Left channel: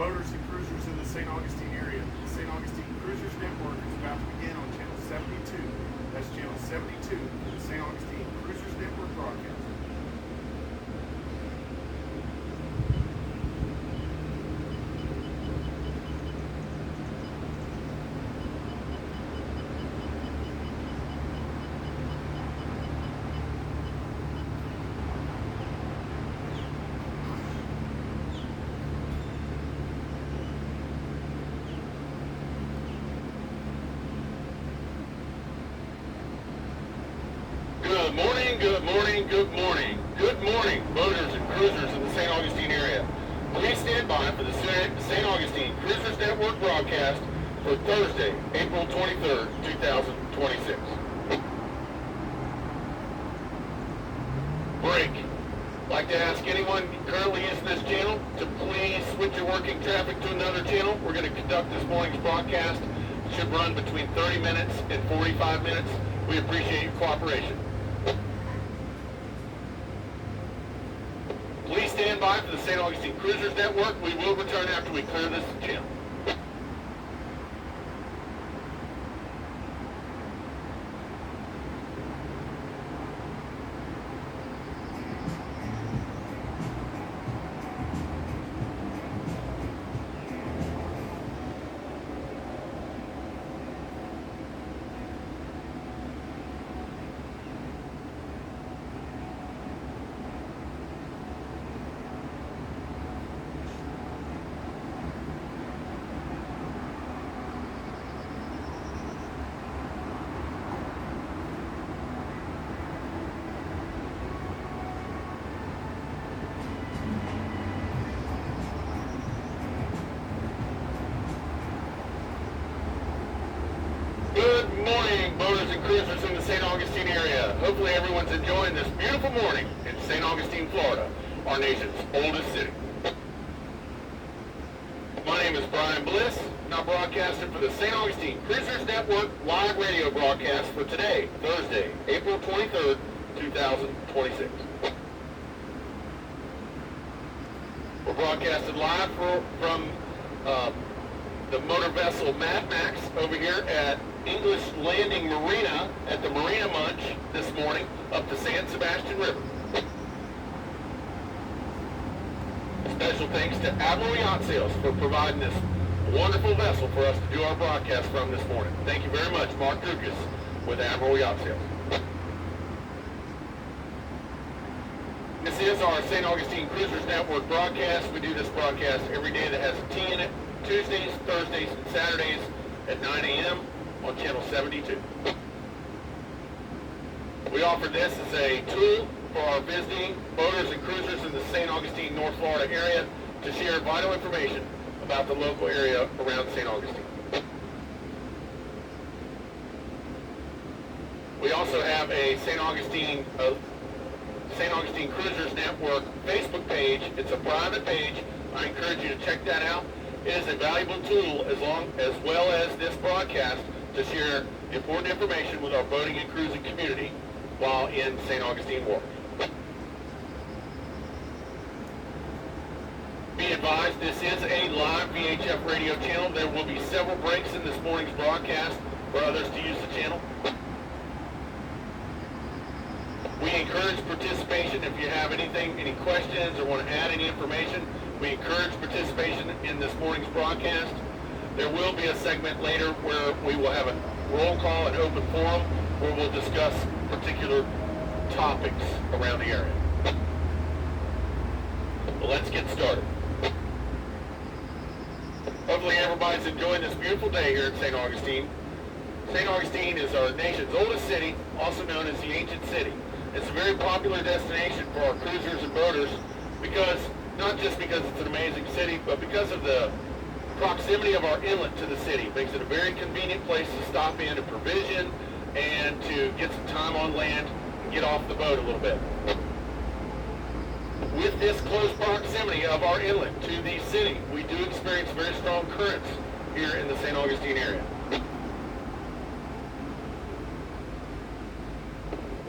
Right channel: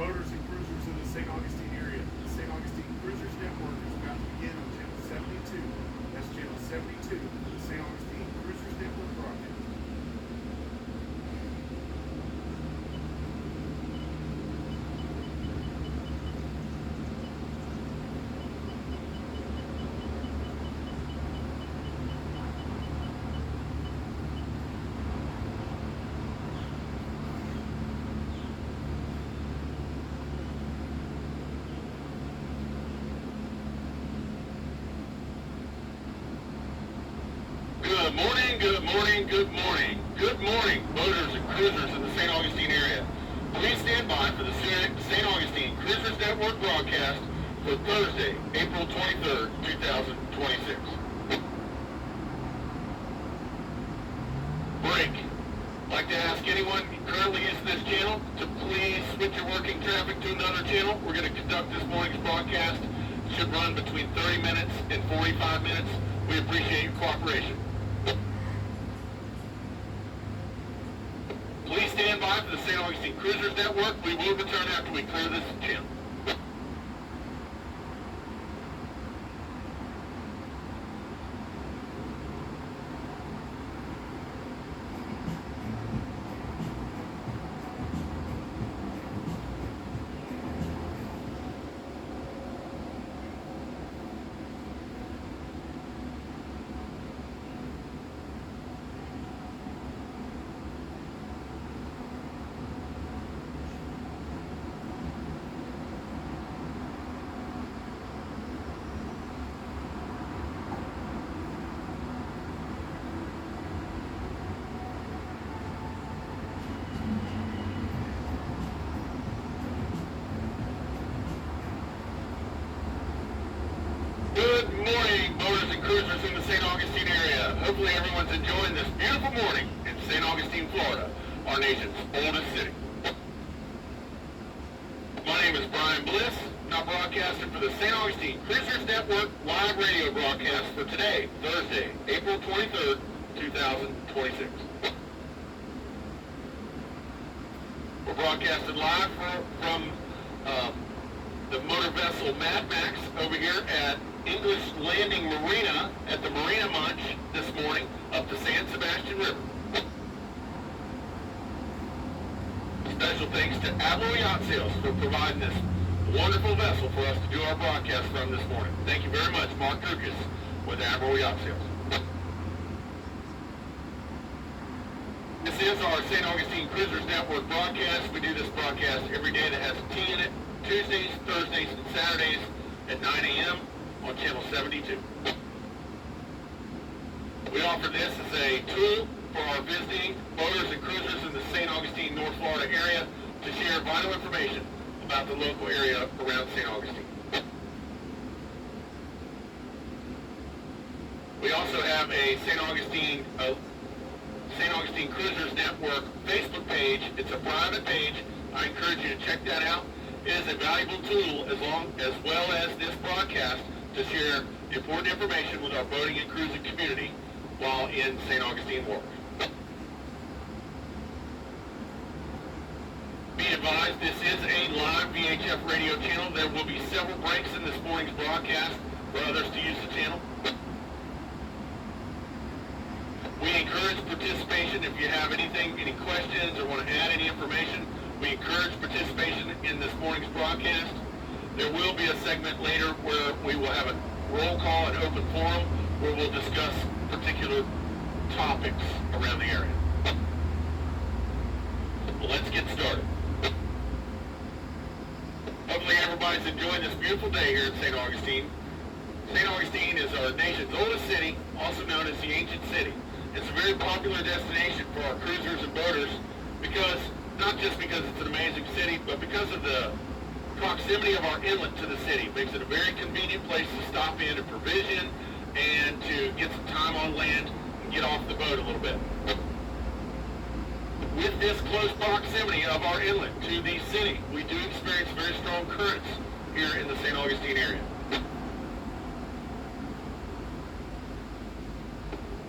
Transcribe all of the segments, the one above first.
Boaters and cruisers in the St. Augustine area. The St. Augustine Cruisers Network is about to begin on Channel 72. That's Channel 72, the St. Augustine Cruisers Network broadcast. Good morning, good morning, good morning. Good morning, boaters and cruisers in the St. Augustine area. Please stand by for the St. Augustine Cruisers Network broadcast for Thursday, April 23rd, 2026. Break. I'd like to ask anyone currently using this channel to please switch your working traffic to another channel. We're going to conduct this morning's broadcast. It should run between 30 minutes and 45 minutes. We appreciate your cooperation. Please stand by for the St. Augustine Cruisers Network. We will return after we clear this channel. Good morning, boaters and cruisers in the St. Augustine area. Hopefully everyone's enjoying this beautiful morning in St. Augustine, Florida, our nation's oldest city. My name is Brian Bliss, and I'm broadcasting for the St. Augustine Cruisers Network live radio broadcast for today, Thursday, April 23rd, 2026. We're broadcasting live from the motor vessel Mad Max over here at English Landing Marina at the Marina Munch this morning up the San Sebastian River. Special thanks to Admiral Yacht Sales for providing this wonderful vessel for us to do our broadcast from this morning. Thank you very much, Mark Dukas with Admiral Yacht Sales. This is our St. Augustine Cruisers Network broadcast. We do this broadcast every day that has a T in it, Tuesdays, Thursdays, and Saturdays at 9 a.m. on Channel 72. We offer this as a tool for our visiting boaters and cruisers in the St. Augustine, North Florida area to share vital information about the local area around St. Augustine. We also have a St. Augustine Cruisers Network Facebook page. It's a private page. I encourage you to check that out. It is a valuable tool as well as this broadcast to share important information with our boating and cruising community while in St. Augustine waters. Be advised, this is a live VHF radio channel. There will be several breaks in this morning's broadcast for others to use the channel. We encourage participation. If you have any questions or want to add any information, we encourage participation in this morning's broadcast. There will be a segment later where we will have a roll call and open forum where we'll discuss particular topics around the area. Well, let's get started. Hopefully everybody's enjoying this beautiful day here in St. Augustine. St. Augustine is our nation's oldest city, also known as the Ancient City. It's a very popular destination for our cruisers and boaters not just because it's an amazing city, but because of the proximity of our inlet to the city. It makes it a very convenient place to stop in to provision and to get some time on land and get off the boat a little bit. With this close proximity of our inlet to the city, we do experience very strong currents here in the St. Augustine area.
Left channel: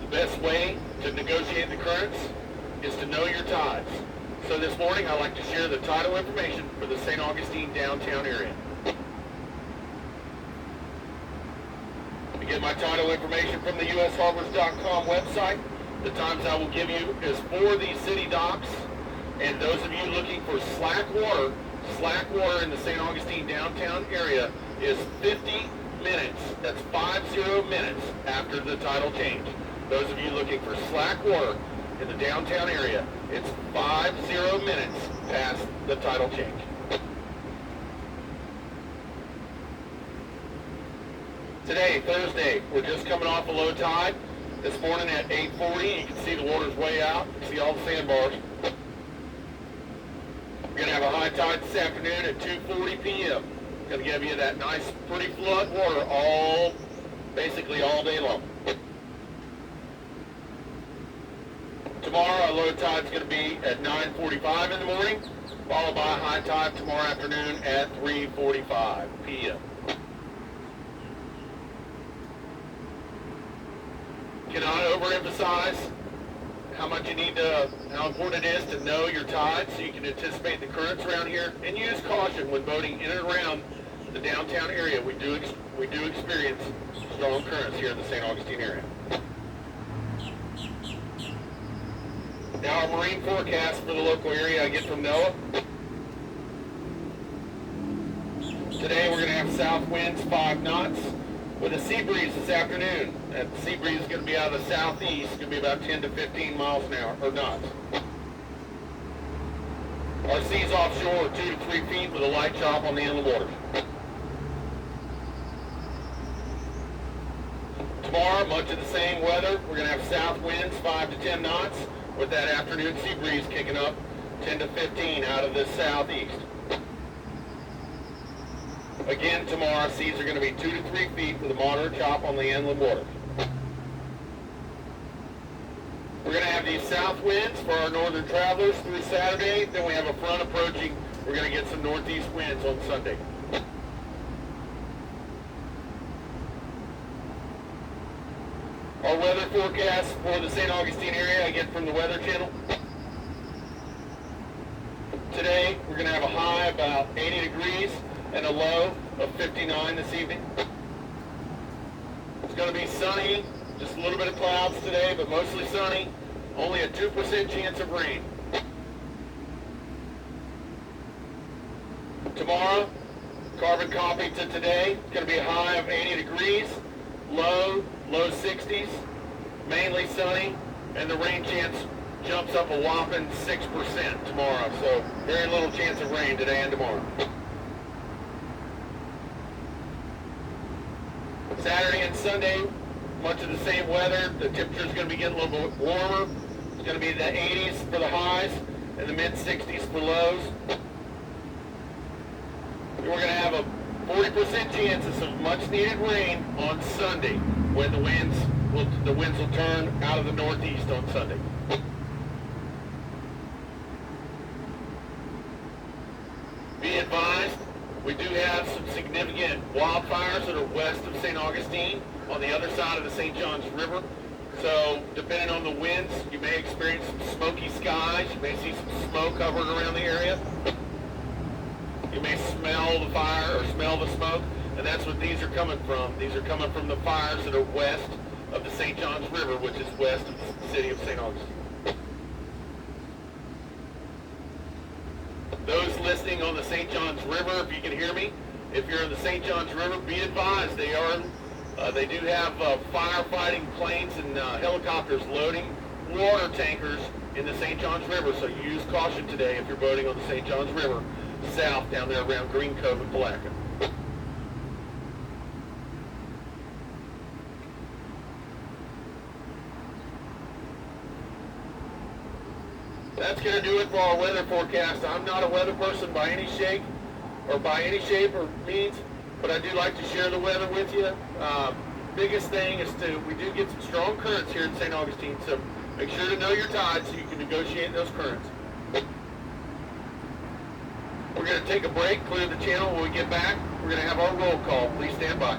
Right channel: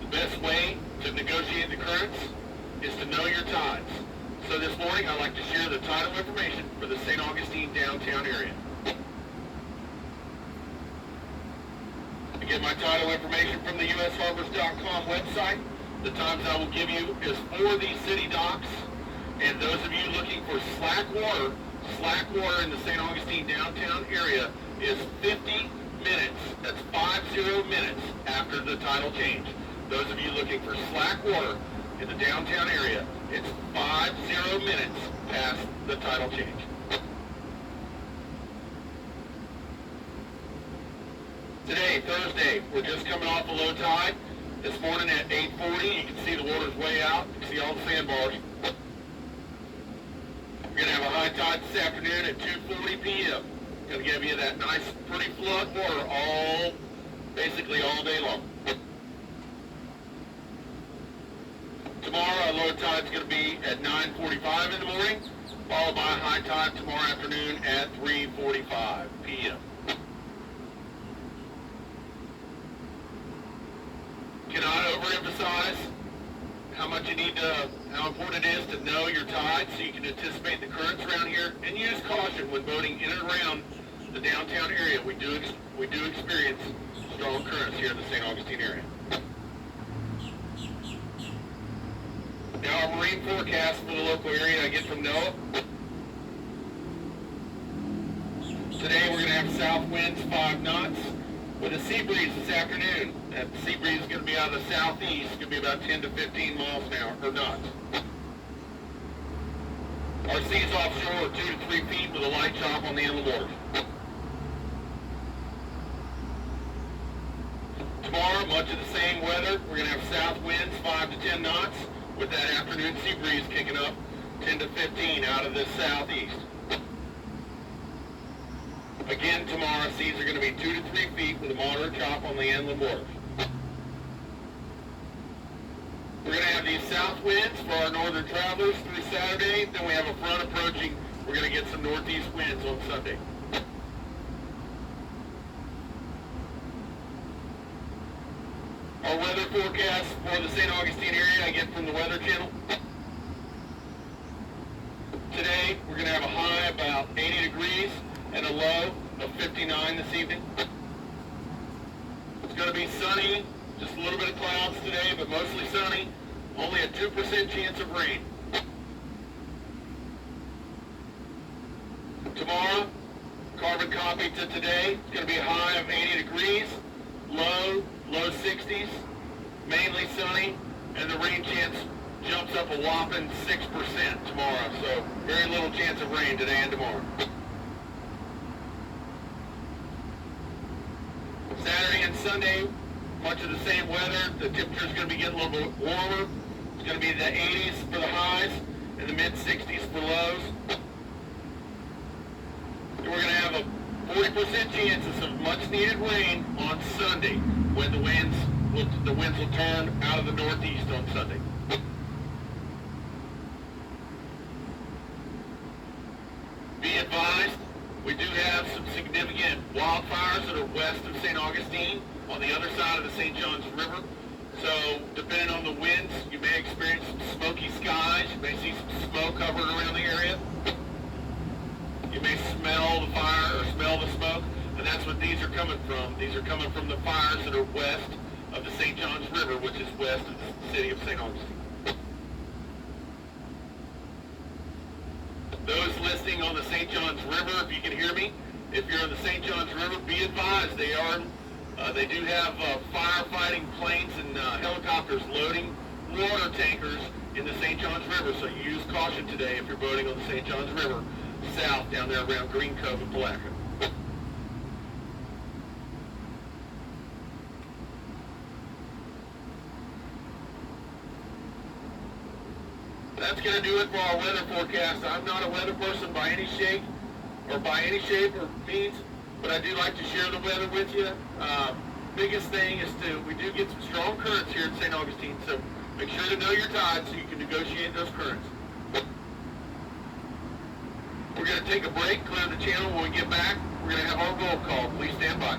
The best way to negotiate the currents is to know your tides. So this morning morning, I'd like to share the title information for the St. Augustine downtown area. Again, my title information from the usharbors.com website. The times I will give you is for the city docks, and those of you looking for slack water in the St. Augustine downtown area is 50 minutes. That's 50 minutes after the title change. Those of you looking for slack water in the downtown area, it's 50 minutes past the title change. Today, Thursday, we're just coming off a low tide. This morning at 8:40, you can see the water's way out. You can see all the sandbars. We're going to have a high tide this afternoon at 2:40 p.m. Going to give you that nice, pretty flood water basically all day long. Tomorrow, our low tide's going to be at 9:45 in the morning, followed by a high tide tomorrow afternoon at 3:45 p.m. Cannot overemphasize how important it is to know your tide so you can anticipate the currents around here, and use caution when boating in and around the downtown area. We do experience strong currents here in the St. Augustine area. Now our marine forecast for the local area I get from NOAA. Today we're going to have south winds 5 knots with a sea breeze this afternoon. That sea breeze is going to be out of the southeast. It's going to be about 10 to 15 miles an hour, or knots. Our seas offshore are 2 to 3 feet with a light chop on the inland waters. Tomorrow, much of the same weather. We're going to have south winds 5 to 10 knots with that afternoon sea breeze kicking up 10 to 15 out of the southeast. Again, tomorrow, seas are going to be 2 to 3 feet with a moderate chop on the inland waters. We're going to have these south winds for our northern travelers through Saturday. Then we have a front approaching. We're going to get some northeast winds on Sunday. Our weather forecast for the St. Augustine area I get from the Weather Channel. Today, we're going to have a high about 80 degrees and a low of 59 this evening. It's going to be sunny, just a little bit of clouds today, but mostly sunny. Only a 2% chance of rain. Tomorrow, carbon copy to today, it's going to be a high of 80 degrees, low 60s, mainly sunny, and the rain chance jumps up a whopping 6% tomorrow. So very little chance of rain today and tomorrow. Saturday and Sunday, much of the same weather. The temperature is going to be getting a little bit warmer. It's going to be the 80s for the highs and the mid-60s for lows. And we're going to have a 40% chances of much-needed rain on Sunday when the winds will turn out of the northeast on Sunday. Be advised, we do have some significant wildfires that are west of St. Augustine on the other side of the St. Johns River. So depending on the winds, you may experience some smoky skies. You may see some smoke hovering around the area. You may smell the fire or smell the smoke, and that's what these are coming from. These are coming from the fires that are west of the St. Johns River, which is west of the city of St. Augustine. Those listening on the St. Johns River, if you can hear me, if you're in the St. Johns River, be advised they do have firefighting planes and helicopters loading water tankers in the St. Johns River. So use caution today if you're boating on the St. Johns River south down there around Green Cove and Palatka. That's going to do it for our weather forecast. I'm not a weather person by any shape or means, but I do like to share the weather with you. Biggest thing is we do get some strong currents here in St. Augustine, so make sure to know your tides so you can negotiate those currents. We're going to take a break, clear the channel. When we get back, we're going to have our roll call. Please stand by.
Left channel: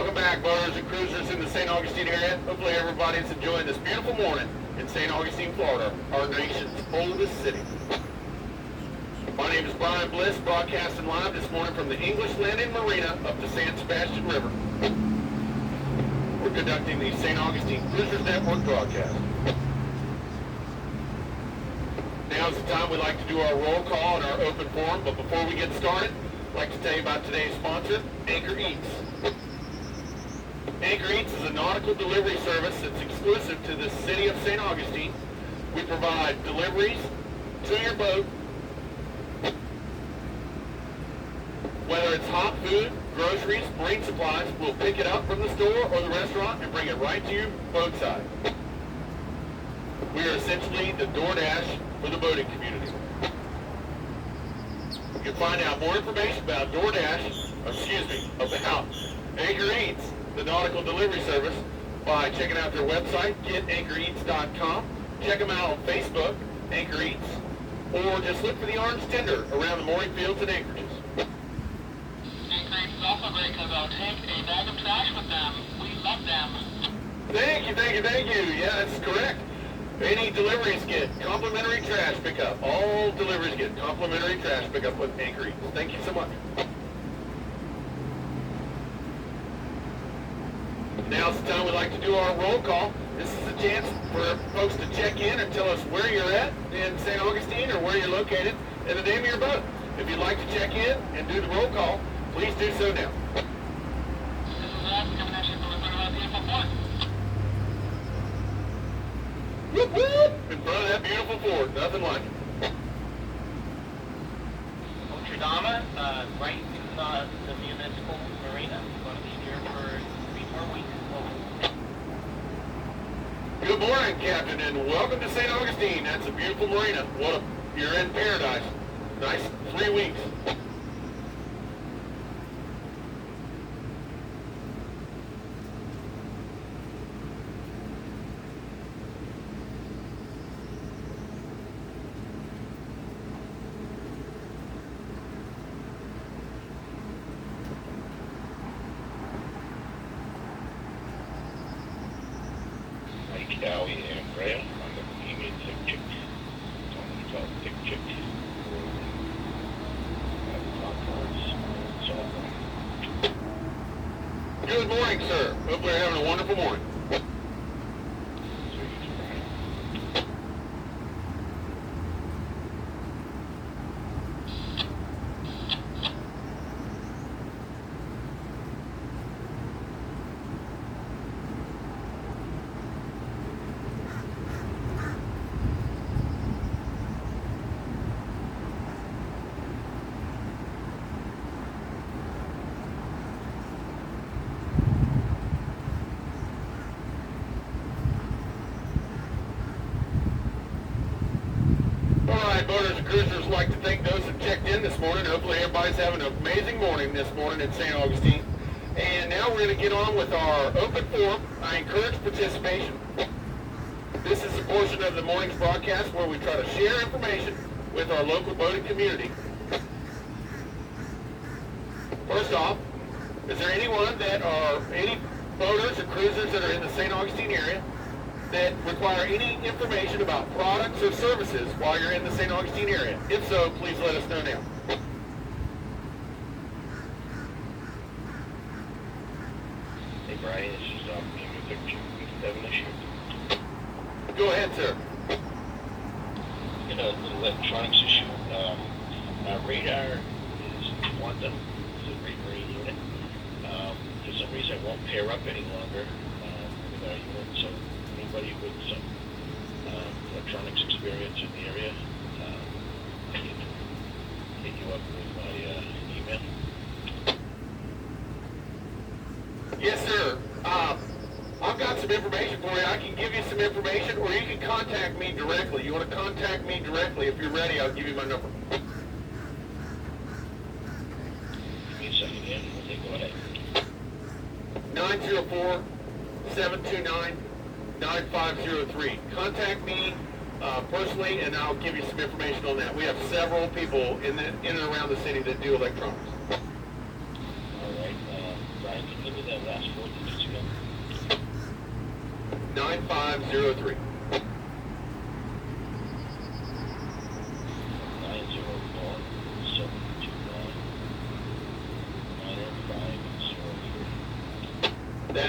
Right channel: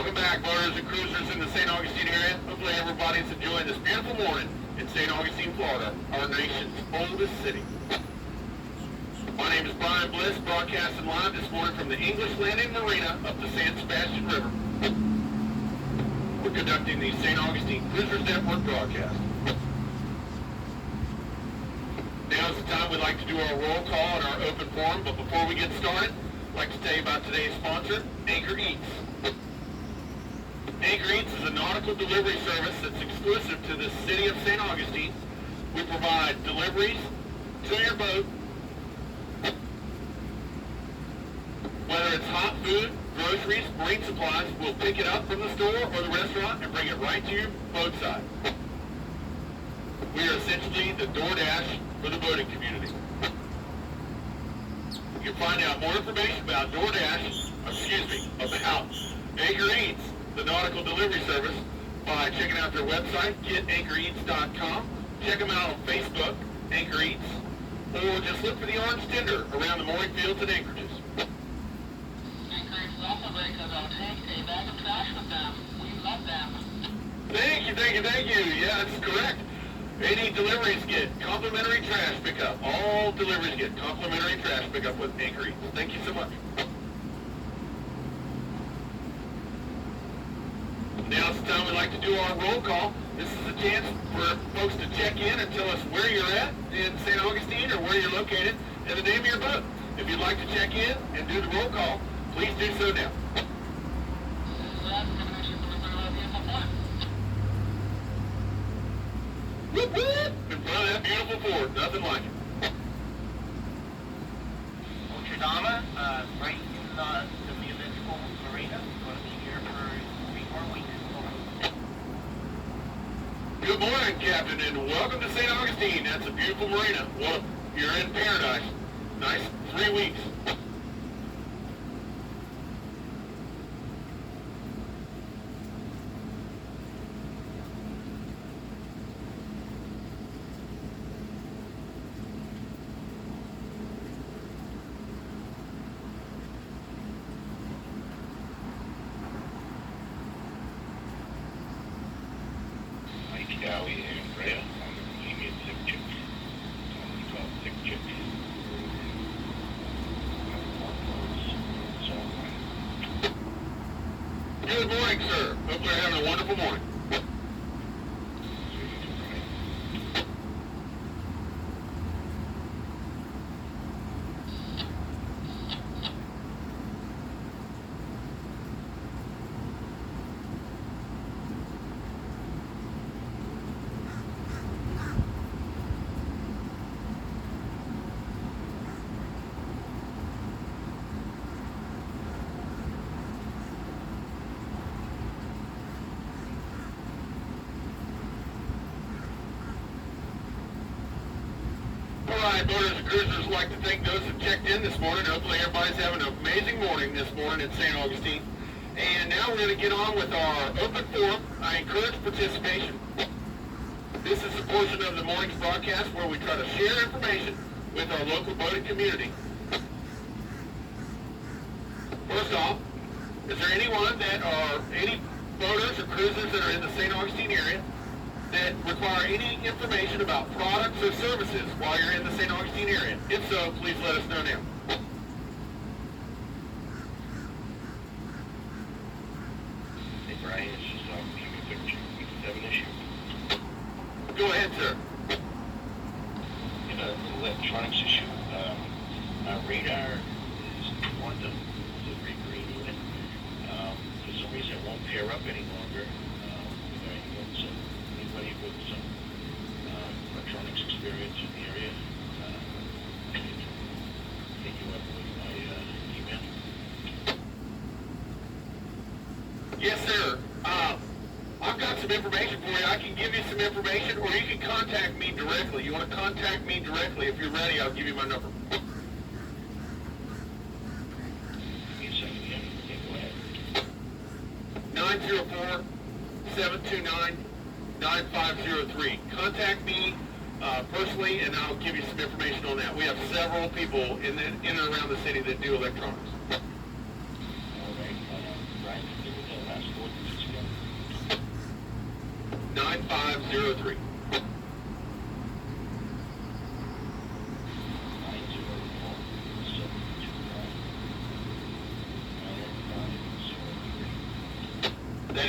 Welcome back, boaters and cruisers in the St. Augustine area. Hopefully everybody's enjoying this beautiful morning in St. Augustine, Florida, our nation's oldest city. My name is Brian Bliss, broadcasting live this morning from the English Landing Marina up the San Sebastian River. We're conducting the St. Augustine Cruisers Network broadcast. Now is the time we like to do our roll call and our open forum, but before we get started, I'd like to tell you about today's sponsor, Anchor Eats. Anchor Eats is a nautical delivery service that's exclusive to the city of St. Augustine. We provide deliveries to your boat, whether it's hot food, groceries, marine supplies. We'll pick it up from the store or the restaurant and bring it right to your boat side. We are essentially the DoorDash for the boating community. You can find out more information about about Anchor Eats, the nautical delivery service, by checking out their website, getanchoreats.com. Check them out on Facebook, Anchor Eats, or just look for the orange tender around the mooring fields and anchorages. Anchor Eats is also great because I'll take a bag of trash with them. We love them. Thank you. Yeah, that's correct. Any deliveries get complimentary trash pickup. All deliveries get complimentary trash pickup with Anchor Eats. Thank you so much. Now's the time we like to do our roll call. This is a chance for folks to check in and tell us where you're at in St. Augustine or where you're located and the name of your boat. If you'd like to check in and do the roll call, please do so now. This is us coming at you from the beautiful port. Whoop, whoop, in front of that beautiful fort. Nothing like it. Notre-Dame, right in the municipal marina. Going to be here for 3 more weeks. Good morning, Captain, and welcome to St. Augustine. That's a beautiful marina. You're in paradise. Nice 3 weeks. Dowie and Graham, female sick chicks. It's called sick chicks. Good morning, sir. Hope you're having a wonderful morning. Boaters and cruisers would like to thank those that checked in this morning. Hopefully everybody's having an amazing morning this morning in St. Augustine. And now we're going to get on with our open forum. I encourage participation. This is a portion of the morning's broadcast where we try to share information with our local boating community. First off, is there any boaters or cruisers that are in the St. Augustine area that require any information about products or services while you're in the St. Augustine area? If so, please let us know now. Hey Brian, this is 7 issue. Go ahead, sir. In an electronics issue, my radar is one that is a regrade unit. For some reason it won't pair up any longer. So anybody with some electronics experience in the area, can you up with my email? Yes, sir. I've got some information for you. I can give you some information, or you can contact me directly. You want to contact me directly? If you're ready, I'll give you my number. Give me a second again. Okay, go ahead. 904-729-9503. Contact me personally, and I'll give you some information on that. We have several people in and around the city that do electronics. All right. Brian, can you give me that last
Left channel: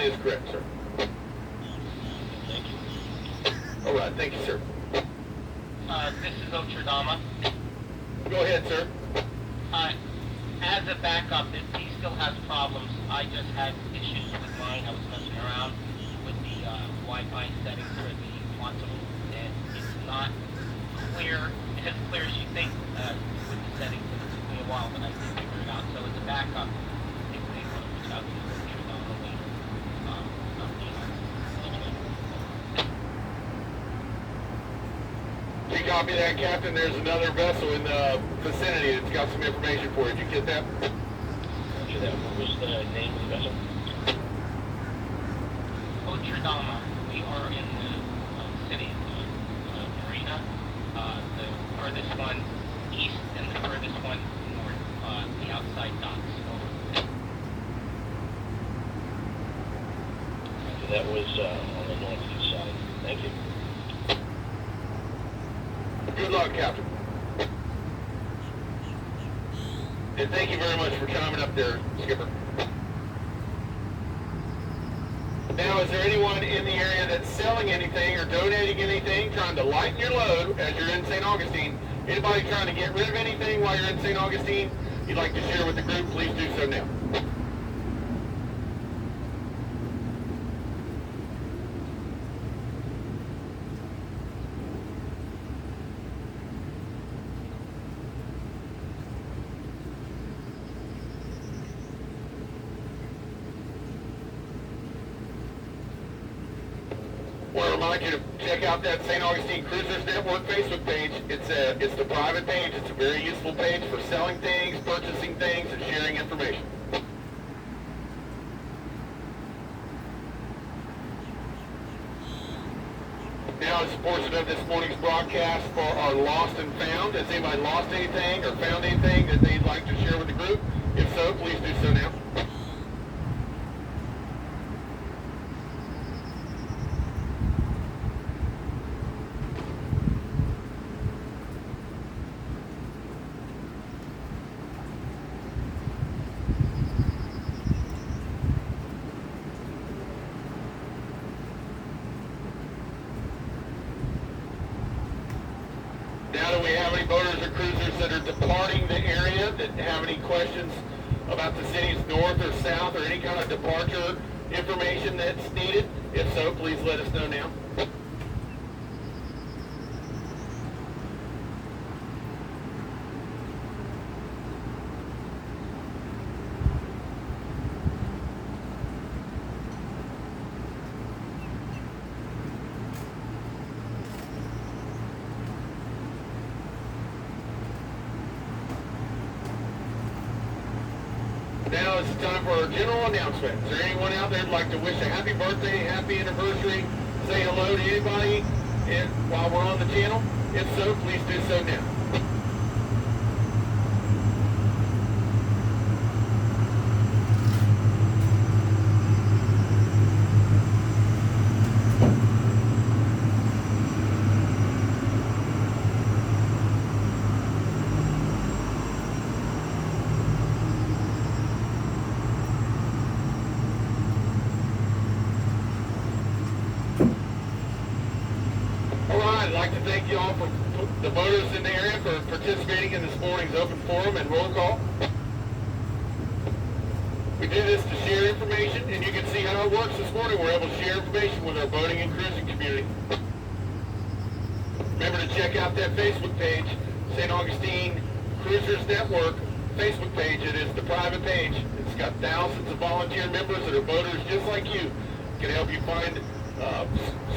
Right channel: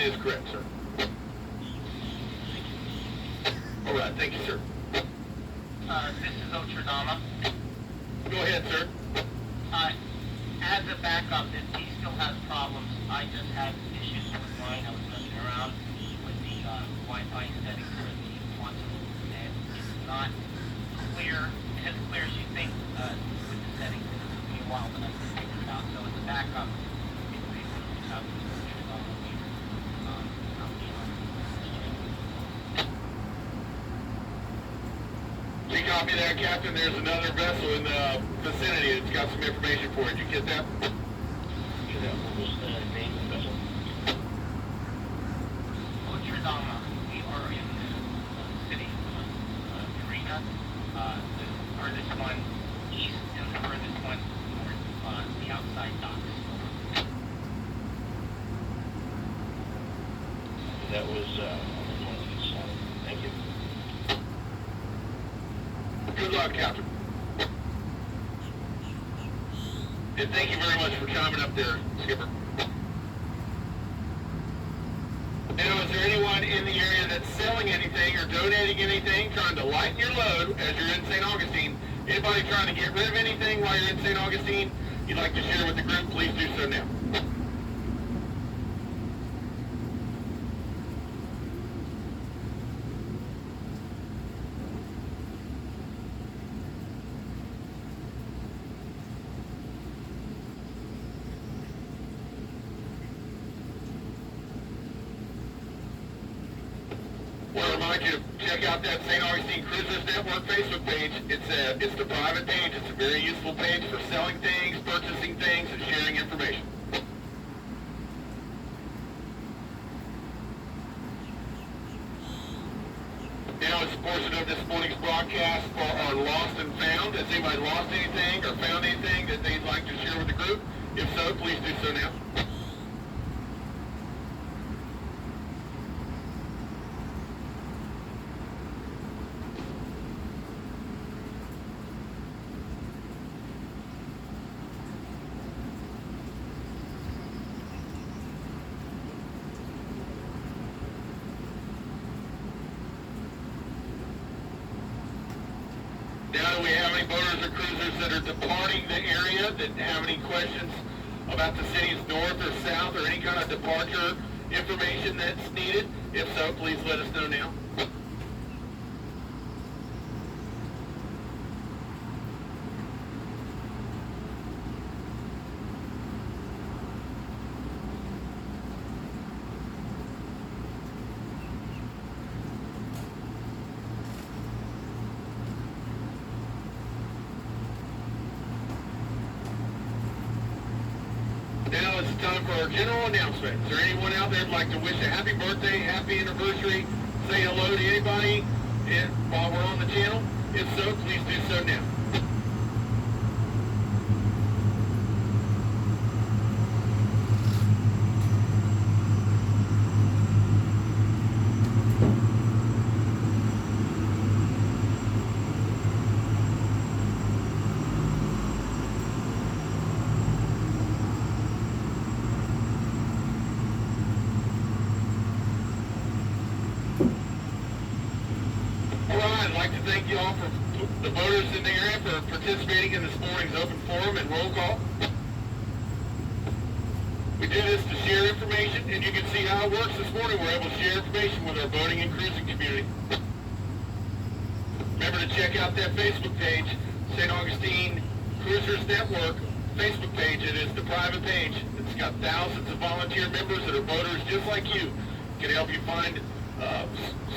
That is correct, sir. Thank you. All right, thank you, sir. This is Ocherdama. Go ahead, sir. As a backup, if he still has problems, I just had issues with mine. I was messing around with the Wi-Fi settings for the quantum, and it's not clear, as clear as you think with the settings. And it took me a while, but I did figure it out. So as a backup, if we want to reach out to Ocherdama, Please copy that, Captain. There's another vessel in the vicinity that's got some information for you. Did you get that? Okay, that was the name of the vessel. Ocherdama, we are in the city of Marina, the furthest one east and the furthest one north, the outside docks. That was on the northeast side. Thank you. Good luck, Captain. And thank you very much for chiming up there, Skipper. Now, is there anyone in the area that's selling anything or donating anything, trying to lighten your load as you're in St. Augustine? Anybody trying to get rid of anything while you're in St. Augustine you'd like to share with the group, please do so now. I want to remind you to check out that St. Augustine Cruisers Network Facebook page. It's the private page. It's a very useful page for selling things, purchasing things, and sharing information. Now is a portion of this morning's broadcast for our Lost and Found. Has anybody lost anything or found anything that they'd like to share with the group? If so, please do so now. Now, do we have any boaters or cruisers that are departing the area that have any questions about the city's north or south or any kind of departure information that's needed? If so, please let us know now. Now it's time for our general announcement. Is there anyone out there who'd like to wish a happy birthday, happy anniversary, say hello to anybody while we're on the channel? If so, please do so now. I'd like to thank you all for the voters in the area for participating in this morning's open forum and roll call. We do this to share information, and you can see how it works this morning. We're able to share information with our boating and cruising community. Remember to check out that Facebook page, St. Augustine Cruisers Network Facebook page. It is the private page. It's got thousands of volunteer members that are boaters just like you. Can help you find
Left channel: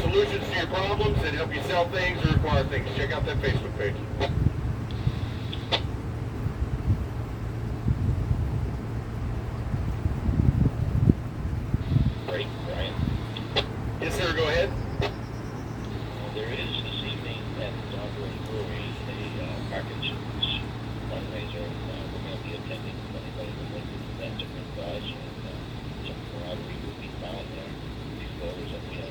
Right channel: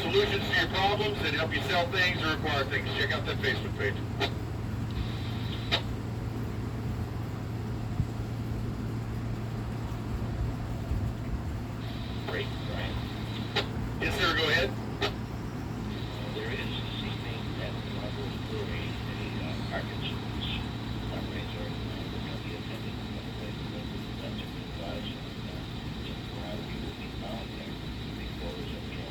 solutions to your problems and help you sell things or acquire things. Check out that Facebook page. Great, Brian. Yes, sir, go ahead. There is this evening at the Outdoors Brewery a Parkinson's fundraiser. We're going to be attending. Anybody would like to present some advice and some camaraderie will be found there. These voters that we have.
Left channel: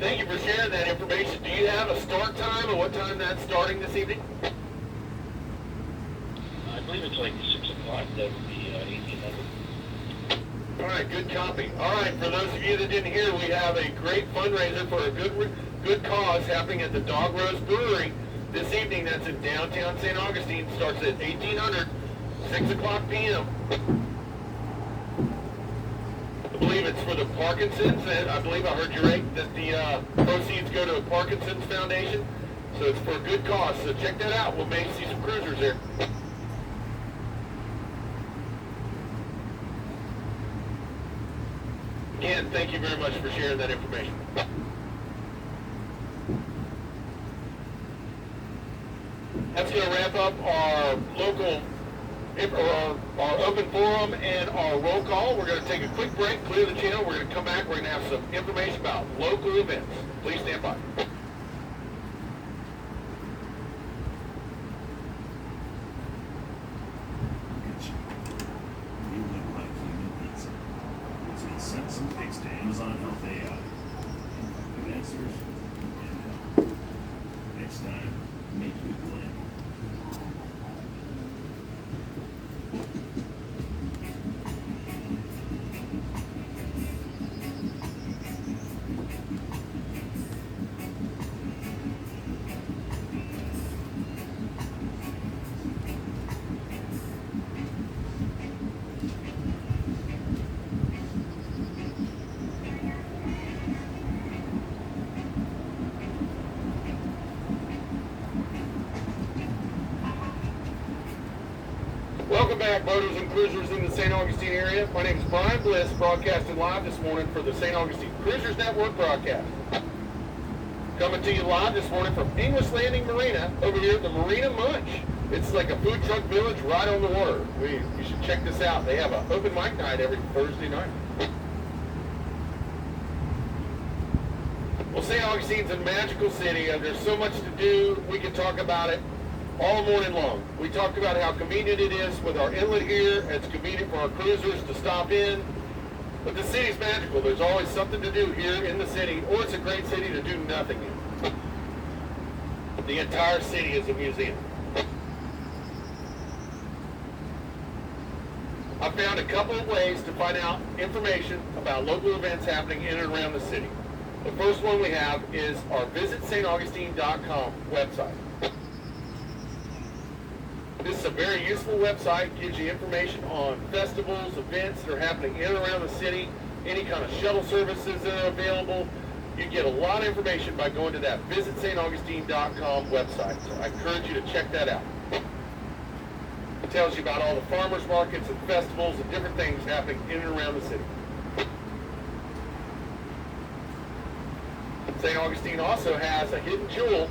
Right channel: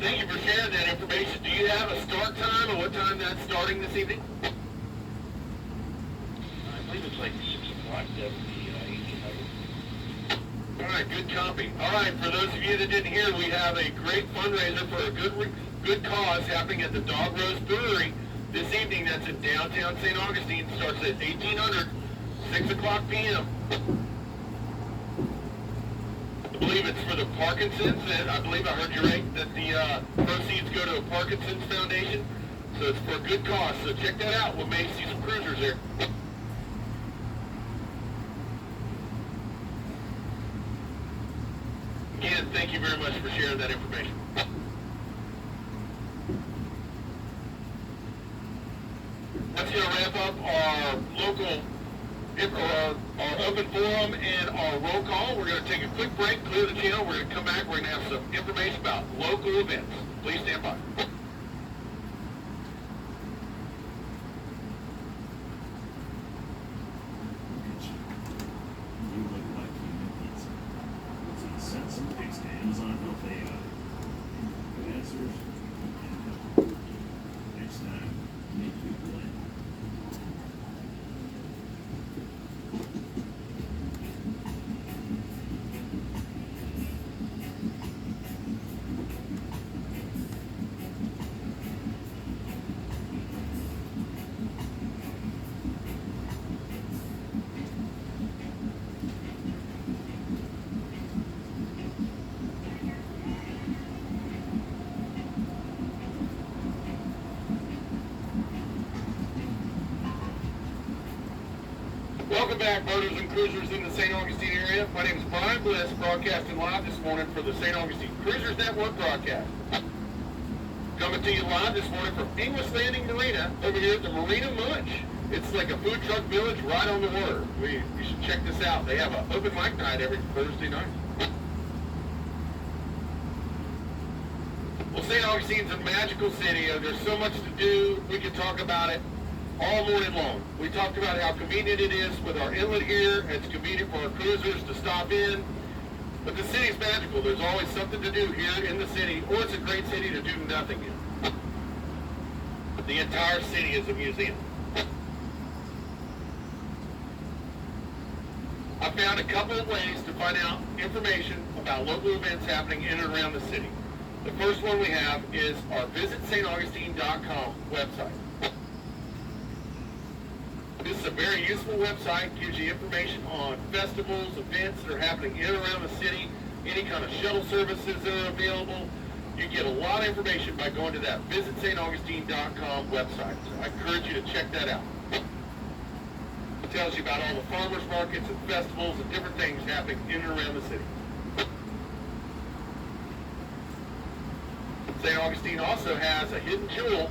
Thank you for sharing that information. Do you have a start time and what time that's starting this evening? I believe it's like 6 o'clock. That would be 1800. All right, good copy. All right, for those of you that didn't hear, we have a great fundraiser for a good cause happening at the Dog Rose Brewery this evening. That's in downtown St. Augustine. Starts at 1800, 6 o'clock p.m. I believe it's for the Parkinson's, and I believe I heard you right that the proceeds go to a Parkinson's Foundation. So it's for a good cause. So check that out. We may see some cruisers there. Again, thank you very much for sharing that information. That's going to wrap up our local, our open forum and our roll call. We're going to take a quick break, clear the channel. We're going to come back. We're going to have some information about local events. Please stand by. You look like you need pizza. So you sent some pics to Amazon Health AI. Good answers. And next time, make you blend. Welcome back, boaters and cruisers in the St. Augustine area. My name is Brian Bliss, broadcasting live this morning for the St. Augustine Cruisers Network broadcast. Coming to you live this morning from English Landing Marina, over here at the Marina Munch. It's like a food truck village right on the water. You should check this out. They have an open mic night every Thursday night. Well, St. Augustine's a magical city. There's so much to do. We can talk about it all morning long. We talked about how convenient it is with our inlet here. It's convenient for our cruisers to stop in. But the city's magical. There's always something to do here in the city, or it's a great city to do nothing in. The entire city is a museum. I found a couple of ways to find out information about local events happening in and around the city. The first one we have is our visitstaugustine.com website. This is a very useful website. Gives you information on festivals, events that are happening in and around the city, any kind of shuttle services that are available. You get a lot of information by going to that visitstaugustine.com website. So I encourage you to check that out. It tells you about all the farmers markets and festivals and different things happening in and around the city. St. Augustine also has a hidden jewel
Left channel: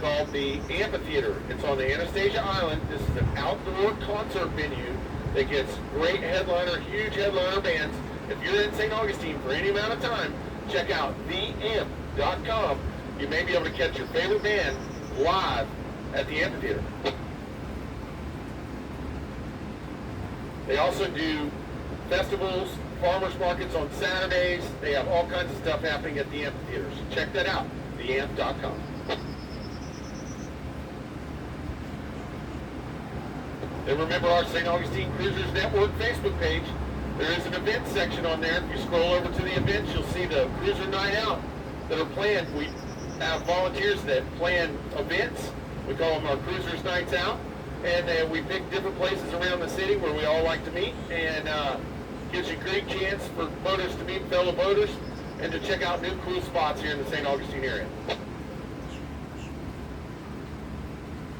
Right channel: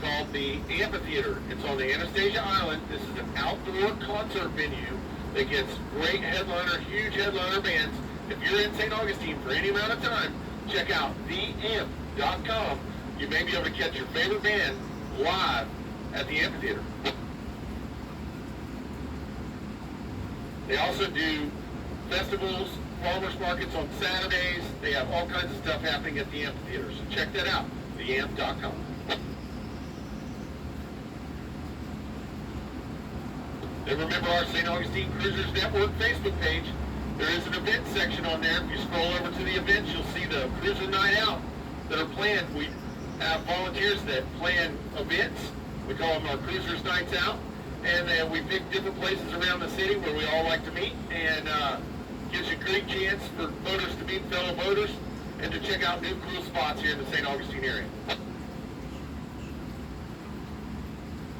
called the Amphitheater. It's on the Anastasia Island. This is an outdoor concert venue that gets great headliner, huge headliner bands. If you're in St. Augustine for any amount of time, check out theamp.com. You may be able to catch your favorite band live at the Amphitheater. They also do festivals, farmers markets on Saturdays. They have all kinds of stuff happening at the Amphitheater. So check that out, theamp.com. Then remember our St. Augustine Cruisers Network Facebook page. There is an event section on there. If you scroll over to the events, you'll see the Cruiser Night Out that are planned. We have volunteers that plan events. We call them our Cruisers Nights Out. And then we pick different places around the city where we all like to meet. And gives you a great chance for boaters to meet fellow boaters and to check out new cool spots here in the St. Augustine area.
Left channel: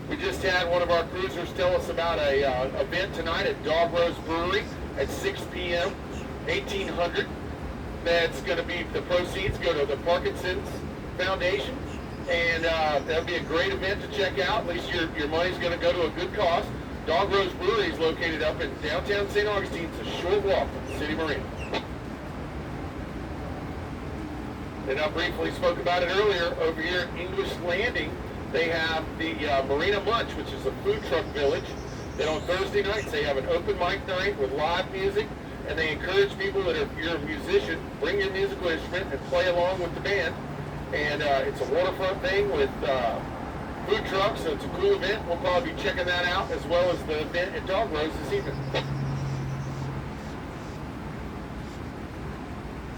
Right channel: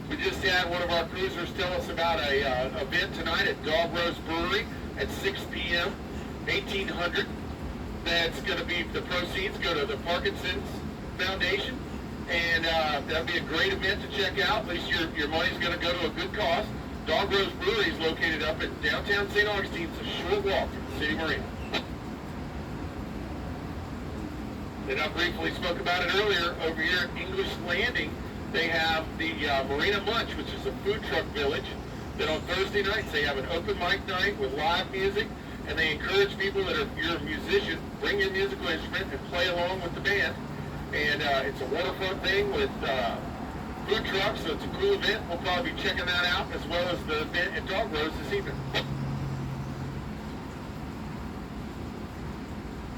We just had one of our cruisers tell us about a event tonight at Dog Rose Brewery at 6 p.m., 1800. That's going to be, the proceeds go to the Parkinson's Foundation. And that'll be a great event to check out. At least your money's going to go to a good cause. Dog Rose Brewery is located up in downtown St. Augustine. It's a short walk from the city marina. And I briefly spoke about it earlier. Over here at English Landing, they have the Marina Munch, which is a food truck village. That on Thursday nights they have an open mic night with live music, and they encourage people that if you're a musician, bring your musical instrument and play along with the band. And it's a waterfront thing with food trucks, so it's a cool event. We'll probably be checking that out as well as the event at Dog Rose this evening.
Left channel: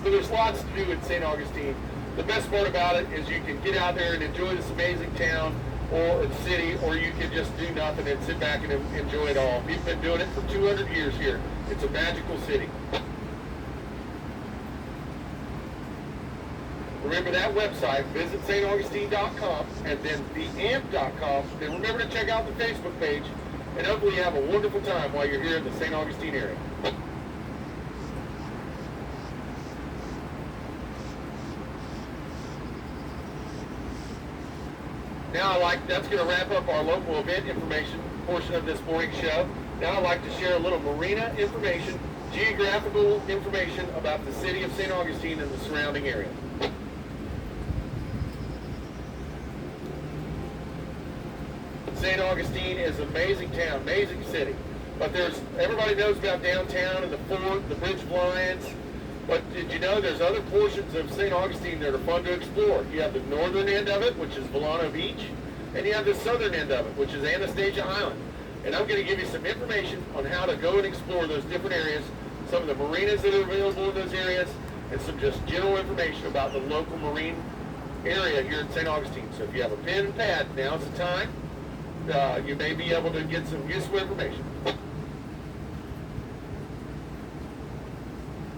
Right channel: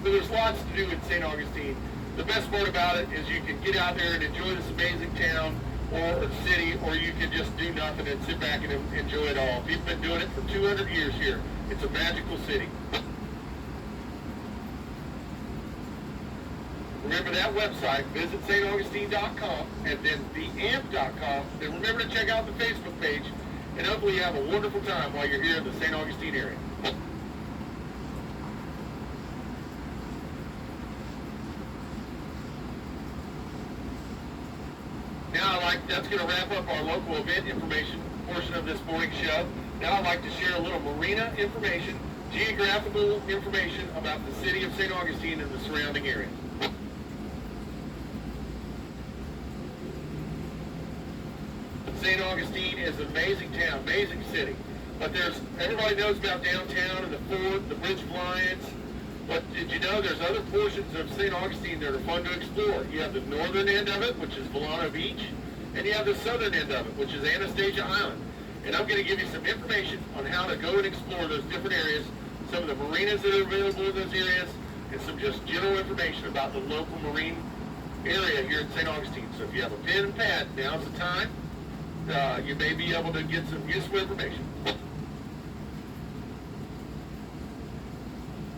So there's lots to do in St. Augustine. The best part about it is you can get out there and enjoy this amazing town or city, or you can just do nothing and sit back and enjoy it all. We've been doing it for 200 years here. It's a magical city. Remember that website, visit staugustine.com and then theamp.com. Then remember to check out the Facebook page, and hopefully you have a wonderful time while you're here in the St. Augustine area. Now that's going to wrap up our local event information portion of this morning show. Now I'd like to share a little marina information, geographical information about the city of St. Augustine and the surrounding area. St. Augustine is an amazing town, amazing city. But everybody knows about downtown and the fort, the Bridge of Lions. But did you know there's other portions of St. Augustine that are fun to explore? You have the northern end of it, which is Volano Beach, and you have the southern end of it, which is Anastasia Island. And I'm going to give you some information on how to go and explore those different areas, some of the marinas that are available in those areas, and some just general information about the local marine area here in St. Augustine. So if you have a pen and pad, now's the time. You may be able to get some useful information.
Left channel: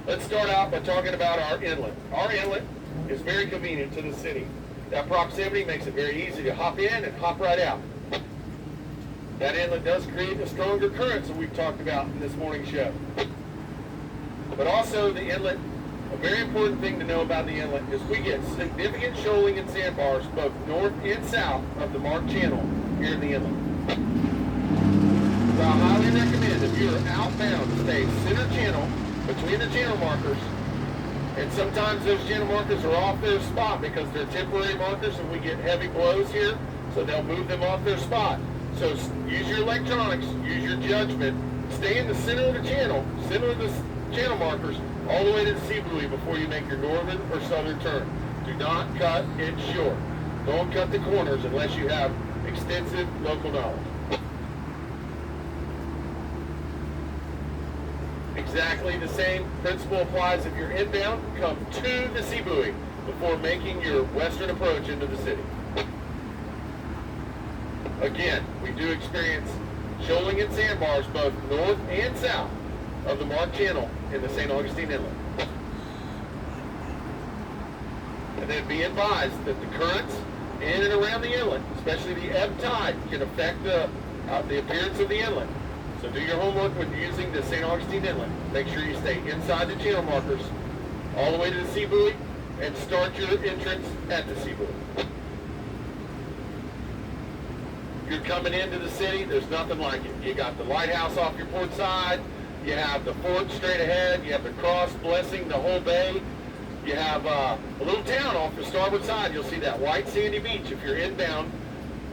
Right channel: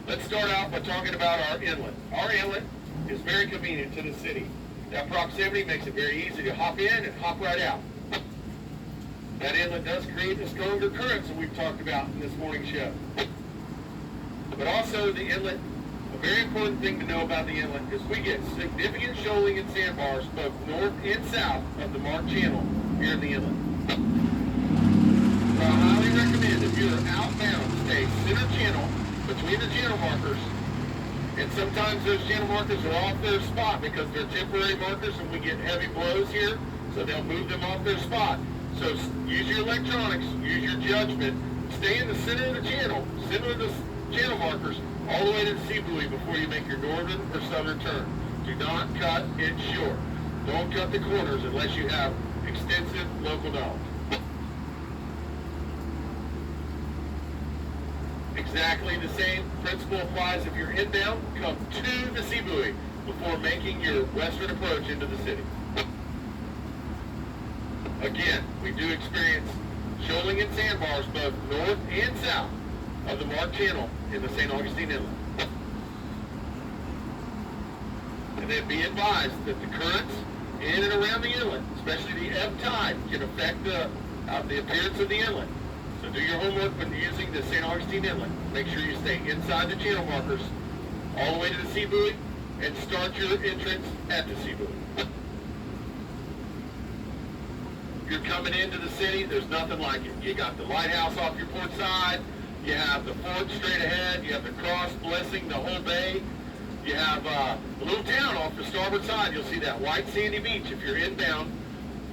Let's start out by talking about our inlet. Our inlet is very convenient to the city. That proximity makes it very easy to hop in and hop right out. That inlet does create the stronger currents that we've talked about in this morning's show. But also the inlet, a very important thing to know about the inlet is we get significant shoaling and sandbars both north and south of the Mark Channel here in the inlet. So I highly recommend if you're outbound to stay center channel between the channel markers, and sometimes those channel markers are off their spot because they're temporary markers and we get heavy blows here, so they'll move them off their spot. So use your electronics, use your judgment, stay in the center of the channel, similar to the channel markers, all the way to the sea buoy before you make your northern or southern turn. Do not cut it short. Don't cut the corners unless you have extensive local knowledge. Exactly the same principle applies if you're inbound. Come to the sea buoy before making your western approach into the city. Again, we do experience shoaling and sandbars both north and south of the Mark Channel in the St. Augustine Inlet. And then be advised that the currents in and around the inlet, especially the ebb tide, can affect the appearance of the inlet. So do your homework when using the St. Augustine Inlet. Make sure you stay inside the channel markers all the way to the sea buoy and start your entrance at the sea buoy. If you're coming into the city, there's nothing like it. You got the lighthouse off your port side, you have the fort straight ahead, you have the cross blessing the whole bay, you have a little town off the starboard side. You'll see that white sandy beach if you're inbound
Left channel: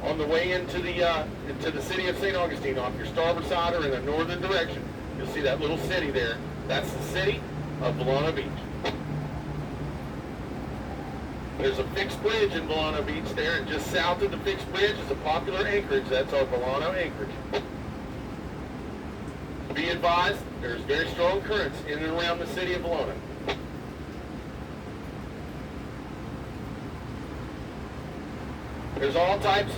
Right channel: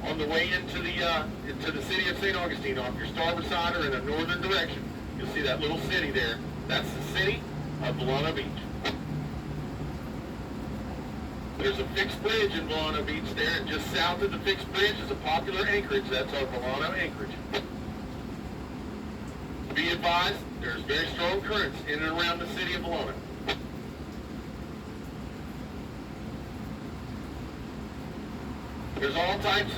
on the way into the city of St. Augustine off your starboard side or in a northern direction. You'll see that little city there. That's the city of Volano Beach. There's a fixed bridge in Volano Beach there, and just south of the fixed bridge is a popular anchorage. That's our Volano anchorage. Be advised, there's very strong currents in and around the city of Volano. There's all kinds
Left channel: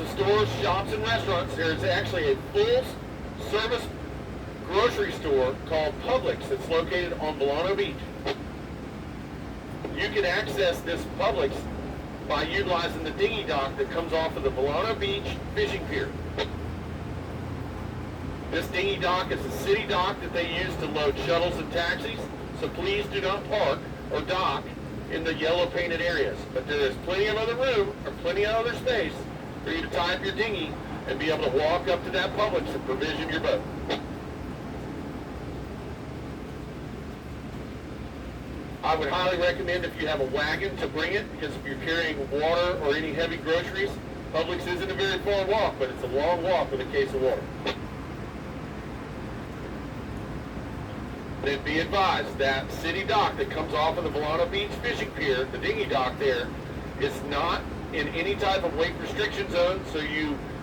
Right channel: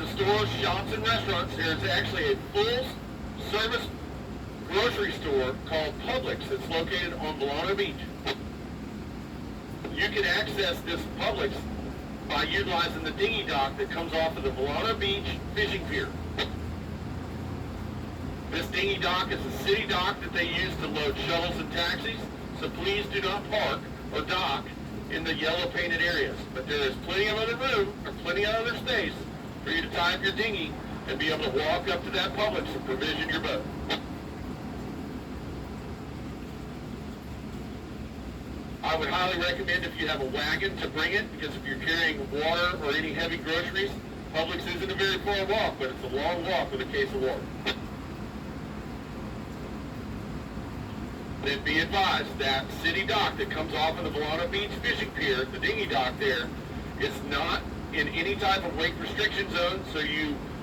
of stores, shops, and restaurants. There's actually a full-service grocery store called Publix that's located on Volano Beach. You can access this Publix by utilizing the dinghy dock that comes off of the Volano Beach fishing pier. This dinghy dock is a city dock that they use to load shuttles and taxis, so please do not park or dock in the yellow painted areas. But there is plenty of other room or plenty of other space for you to tie up your dinghy and be able to walk up to that Publix and provision your boat. I would highly recommend if you have a wagon to bring it, because if you're carrying water or any heavy groceries, Publix isn't a very far walk, but it's a long walk with a case of water. Then be advised that city dock that comes off of the Volano Beach fishing pier, the dinghy dock there, is not in any type of wake restriction zone, so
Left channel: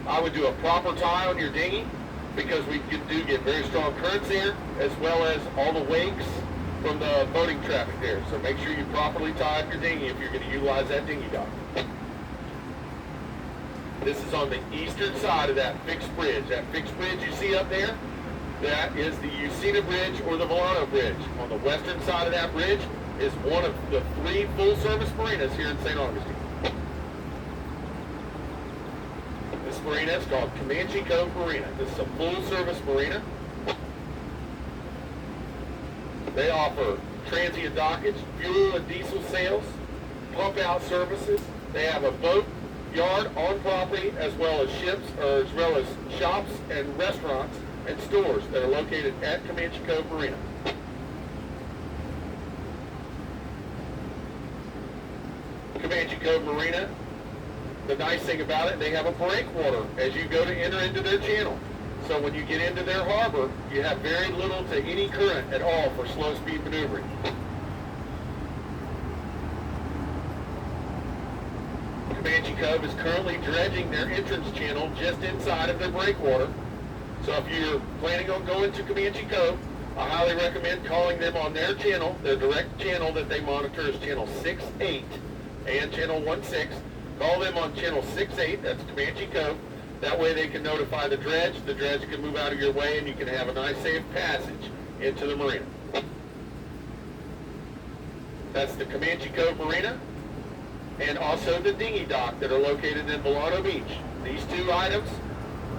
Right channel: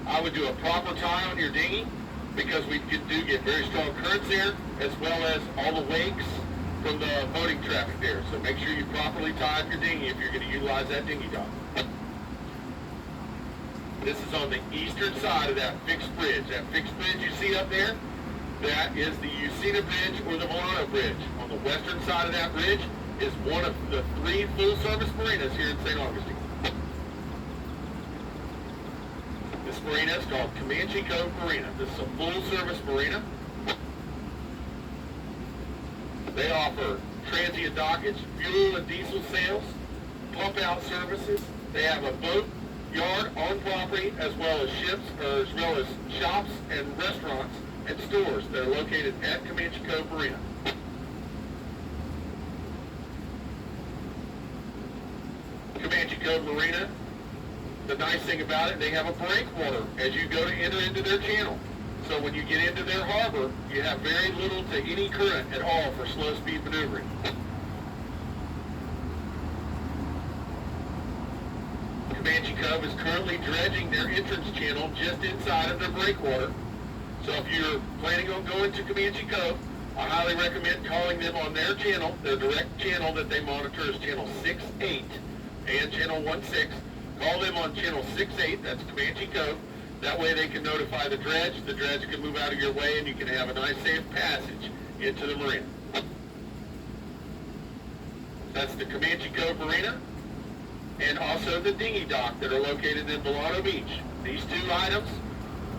I would do a proper tie on your dinghy, because we do get very strong currents there, as well as all the wakes from the boating traffic there. So make sure you properly tie up your dinghy if you're going to utilize that dinghy dock. This is on the eastern side of that fixed bridge. That fixed bridge you see up there, that is the Usina Bridge or the Milano Bridge. On the western side of that bridge is one of the 3 full-service marinas here in St. Augustine. This marina is called Comanche Cove Marina. This is a full-service marina. They offer transient dockage, fuel and diesel sales, pump-out services. They have a boat yard on property, as well as ships, or as well as shops and restaurants and stores that are located at Comanche Cove Marina. Comanche Cove Marina, the nice thing about it, they have a breakwater as you go to enter into their channel. So when you get into their harbor, you have very little to any current at all for slow speed maneuvering. Comanche Cove is currently dredging their entrance channel just inside of their breakwater. So if you're planning on going to Comanche Cove, I highly recommend calling them on their channel. Their direct channel that they monitor is channel 6-8 and channel 1-6. Call them on channel 6-8, that's Comanche Cove. That way they can notify the dredge can move out of your way, and you can have a nice safe passage into the marina. That's the Comanche Cove Marina, and also the dinghy dock that are located in Milano Beach. These 2 items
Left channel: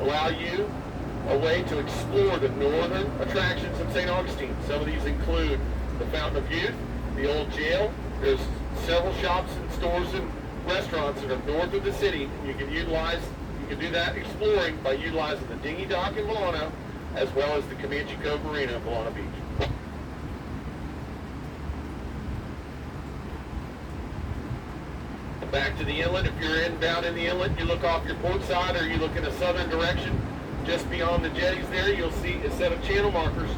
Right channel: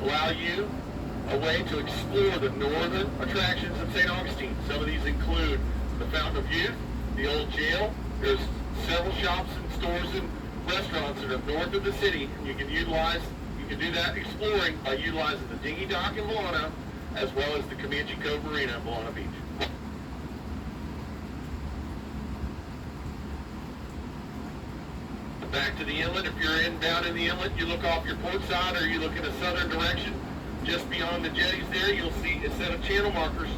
allow you a way to explore the northern attractions in St. Augustine. Some of these include the Fountain of Youth, the old jail. There's several shops and stores and restaurants that are north of the city. You can do that exploring by utilizing the dinghy dock in Milano, as well as the Comanche Cove Marina in Milano Beach. Back to the inlet. If you're inbound in the inlet, you look off your port side or you look in a southern direction. Just beyond the jetties there, you'll see a set of channel markers.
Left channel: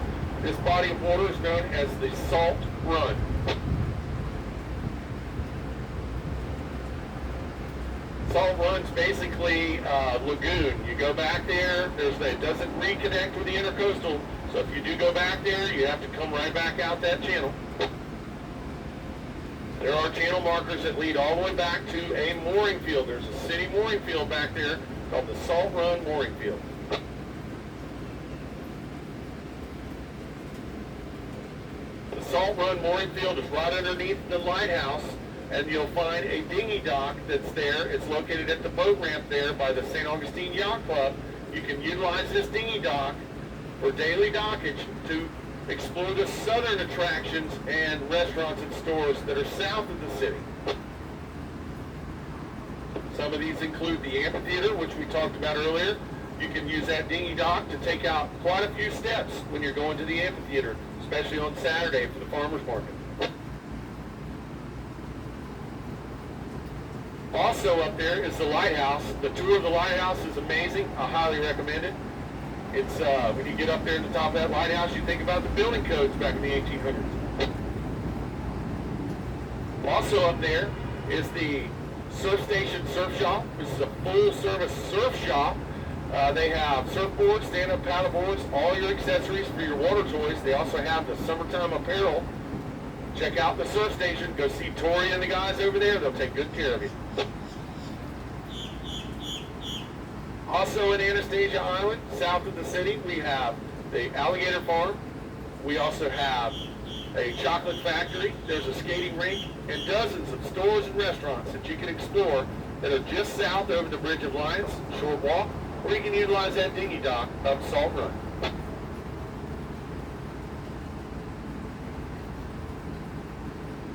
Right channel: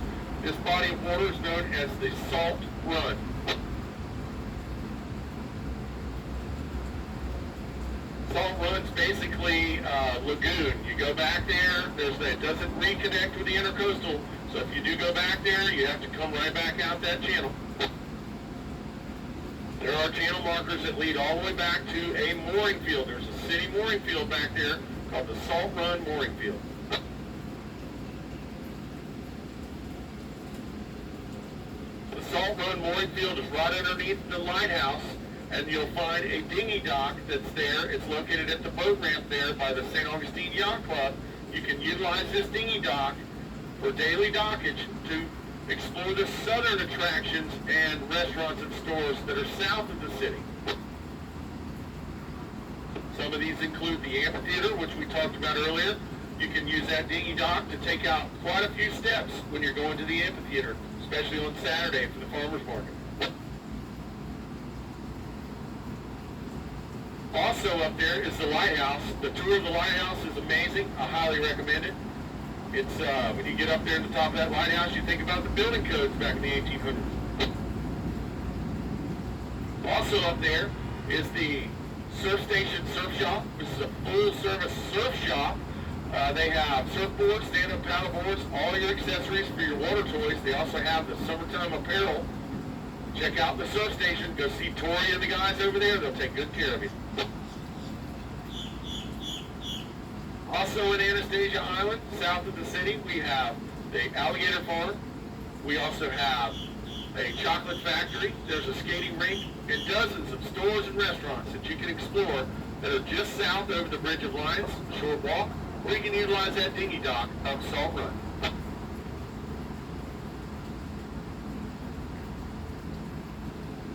This body of water is known as the Salt Run. Salt Run's basically a lagoon. You go back there, it doesn't reconnect with the intercoastal, so if you do go back there, you have to come right back out that channel. There are channel markers that lead all the way back to a mooring field. There's a city mooring field back there called the Salt Run Mooring Field. The Salt Run Mooring Field is right underneath the lighthouse, and you'll find a dinghy dock that's there. It's located at the boat ramp there by the St. Augustine Yacht Club. You can utilize this dinghy dock for daily dockage to explore the southern attractions and restaurants and stores that are south of the city. Some of these include the amphitheater, which we talked about earlier. You can use that dinghy dock to take out quite a few steps when you're going to the amphitheater, especially on Saturday for the farmers market. Also up there is the lighthouse. The tour of the lighthouse is amazing. I highly recommend it. It's when you get up there at the top of that lighthouse, you think about the building codes back in the 1800s. Also up there is the Surf Station Surf Shop. This is a full-service surf shop. They have surfboards, stand-up paddleboards, all your accessories for your water toys. They also have the summertime apparel. Check out the surf station. Go see Tori and the guys over there. They'll take good care of you. Also in Anastasia Island, south of the city, we have the Alligator Farm. We also have a chocolate factory. There's a skating rink and dozens of stores and restaurants that you can explore that are just south over the Bridge of Lions, short walk, or you can utilize that dinghy dock up Salt Run.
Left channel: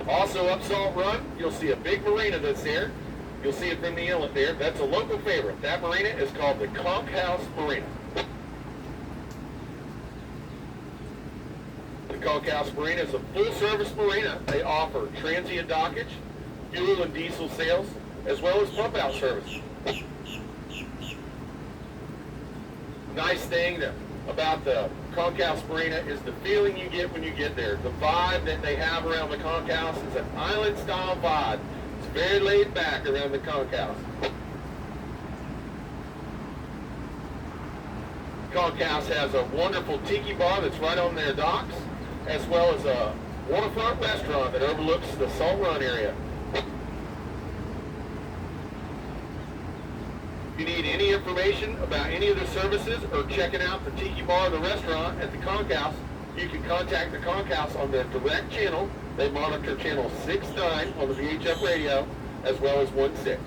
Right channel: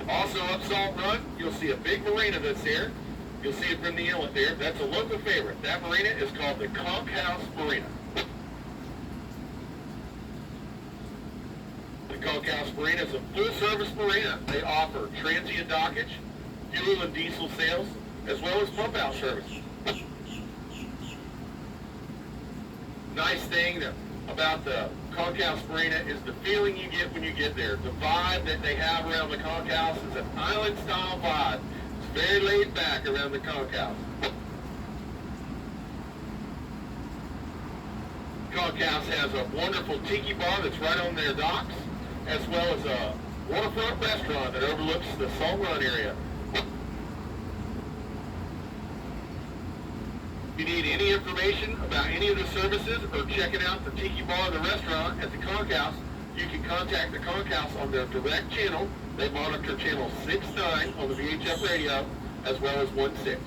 Also up Salt Run, you'll see a big marina that's there. You'll see it from the inlet there. That's a local favorite. That marina is called the Conch House Marina. The Conch House Marina is a full-service marina. They offer transient dockage, fuel and diesel sales, as well as pump-out service. Nice thing about the Conch House Marina is the feeling you get when you get there. The vibe that they have around the Conch House is an island-style vibe. It's very laid back around the Conch House. Conch House has a wonderful tiki bar that's right on their docks, as well as a waterfront restaurant that overlooks the Salt Run area. If you need any information about any of the services or checking out the Tiki Bar or the restaurant at the Conch House, you can contact the Conch House on their direct channel. They monitor channel 6-9 on the VHF radio, as well as 1-6.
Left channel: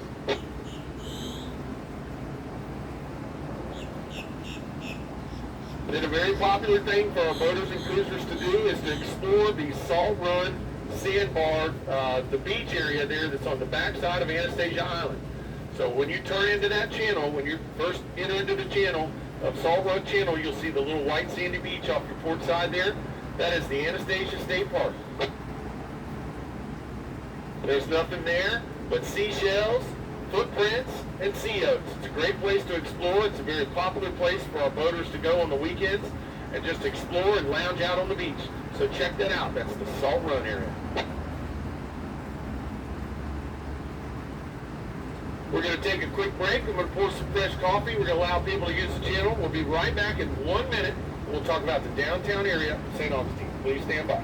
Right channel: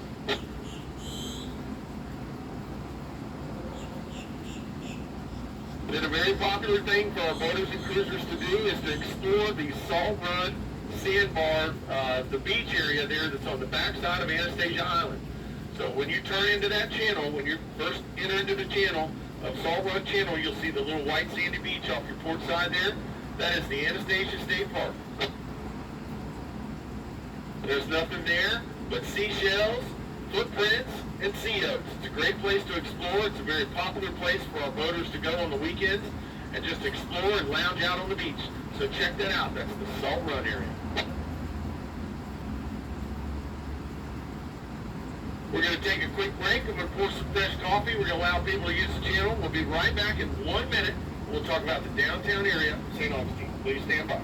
Then a very popular thing for our boaters and cruisers to do is to explore the Salt Run sandbar, the beach area there that's on the backside of Anastasia Island. So when you turn into that channel, when you first enter into the channel of Salt Run Channel, you'll see the little white sandy beach off your port side there. That is the Anastasia State Park. There's nothing there but seashells, footprints, and sea oats. It's a great place to explore. It's a very popular place for our boaters to go on the weekends and just explore and lounge out on the beach. So check that out. That's the Salt Run area. We're going to take a quick break. I'm going to pour some fresh coffee. We're going to allow people to use the channel. We'll be right back in 1 minute. We'll talk about the downtown area of St. Augustine. Please stand by.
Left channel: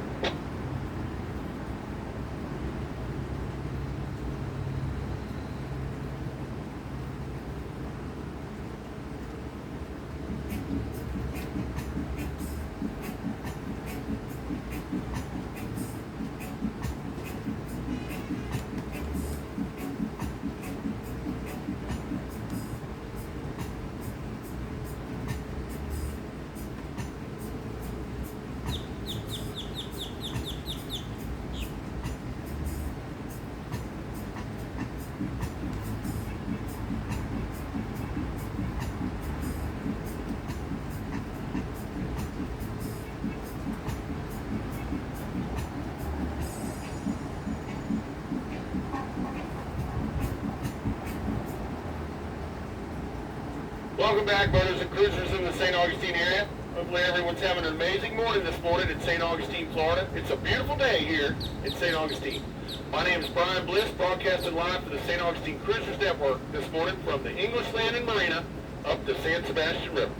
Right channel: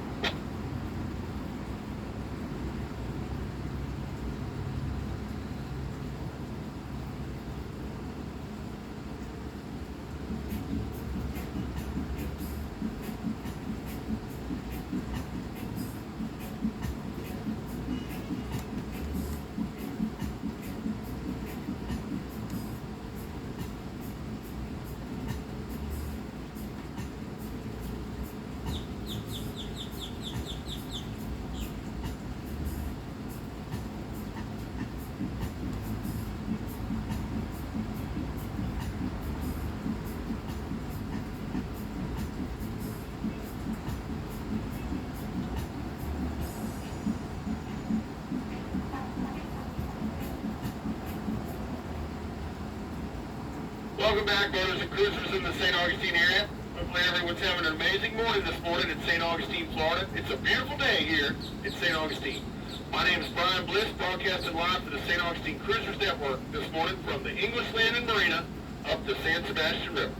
Welcome back, boaters and cruisers in the St. Augustine area. Hopefully everyone's having an amazing morning this morning in St. Augustine, Florida. It's a beautiful day here in St. Augustine. My name is Brian Bliss, broadcasting live for the St. Augustine Cruisers Network this morning from the English Landing Marina up the San Sebastian River.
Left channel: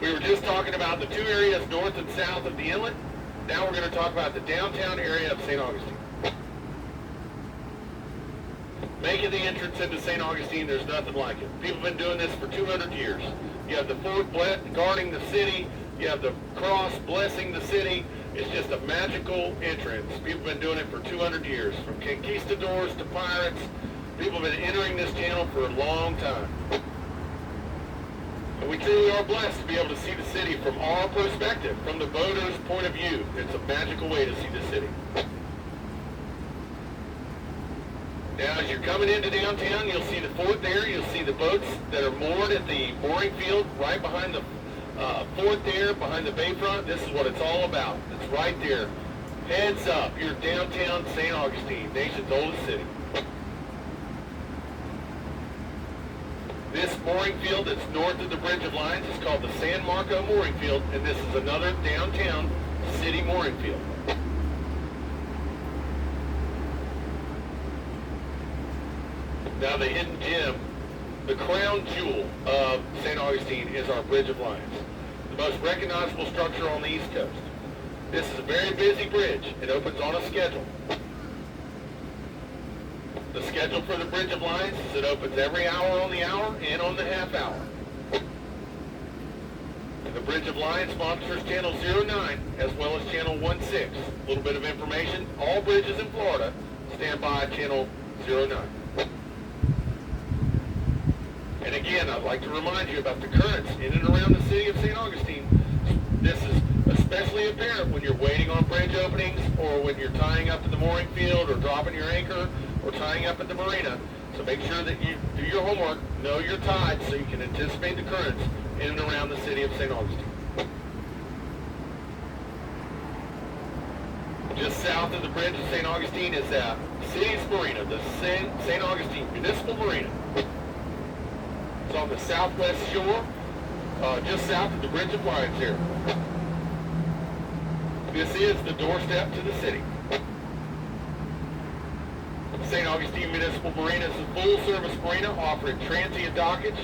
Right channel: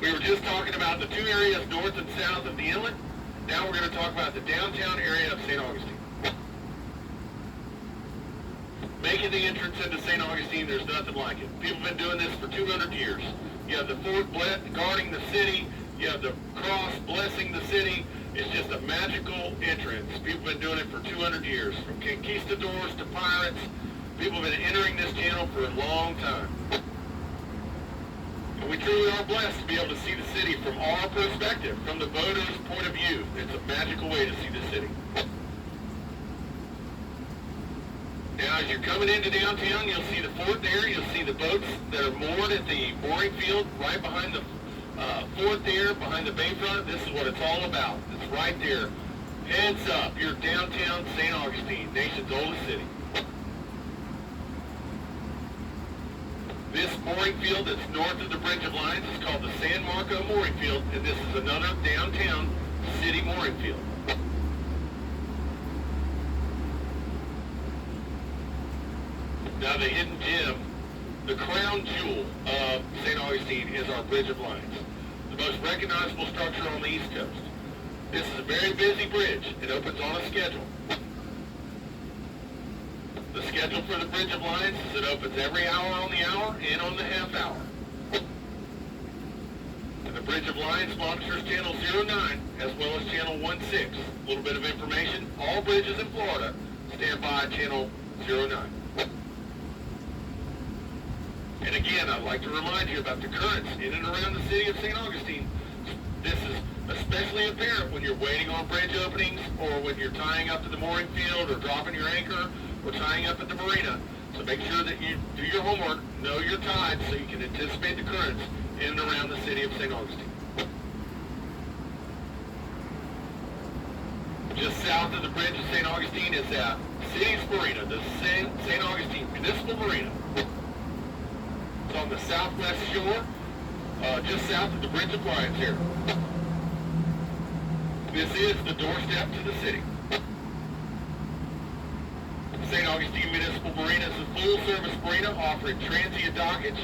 We were just talking about the two areas north and south of the inlet. Now we're going to talk about the downtown area of St. Augustine. Making the entrance into St. Augustine, there's nothing like it. People have been doing this for 200 years. You have the fort guarding the city. You have the cross blessing the city. It's just a magical entrance. People have been doing it for 200 years. From conquistadors to pirates, people have been entering this channel for a long time. And we truly are blessed to be able to see the city from our perspective, from the boater's point of view. It's a magical way to see the city. Now, as you're coming into downtown, you'll see the fort there. You'll see the boats that are moored at the mooring field right behind the fort there, behind the bayfront. This is what it's all about. It's right there. Heads up, you're downtown St. Augustine, nation's oldest city. This mooring field that's north of the Bridge of Lions is called the San Marco Mooring Field, and this is another downtown city mooring field. Now, the hidden gem, the crown jewel of St. Augustine is our Bridge of Lions, the most recognizable structure on the East Coast. This is a very busy bridge. It opens on a schedule. The schedule for the Bridge of Lions is it opens every hour on the hour and on the half hour. And the Bridge of Lions monitors channel 09 as well as channel 16. A little bit of information. All bridges in Florida stand by channel 09. And again, I'd like to remind you about the currents in and around the city of St. Augustine. This is especially apparent when you're waiting on bridge openings or when you're tying up at the mooring field or dropping your anchor or tying up at the marina. So make sure that you do your homework, know your tides so you can anticipate the currents in and around the city of St. Augustine. Just south of the bridge of St. Augustine is the city's marina, the St. Augustine Municipal Marina. It's on the southwest shore, just south of the Bridge of Lions here. This is the doorstep to the city. St. Augustine Municipal Marina is a full-service marina offering transient dockage,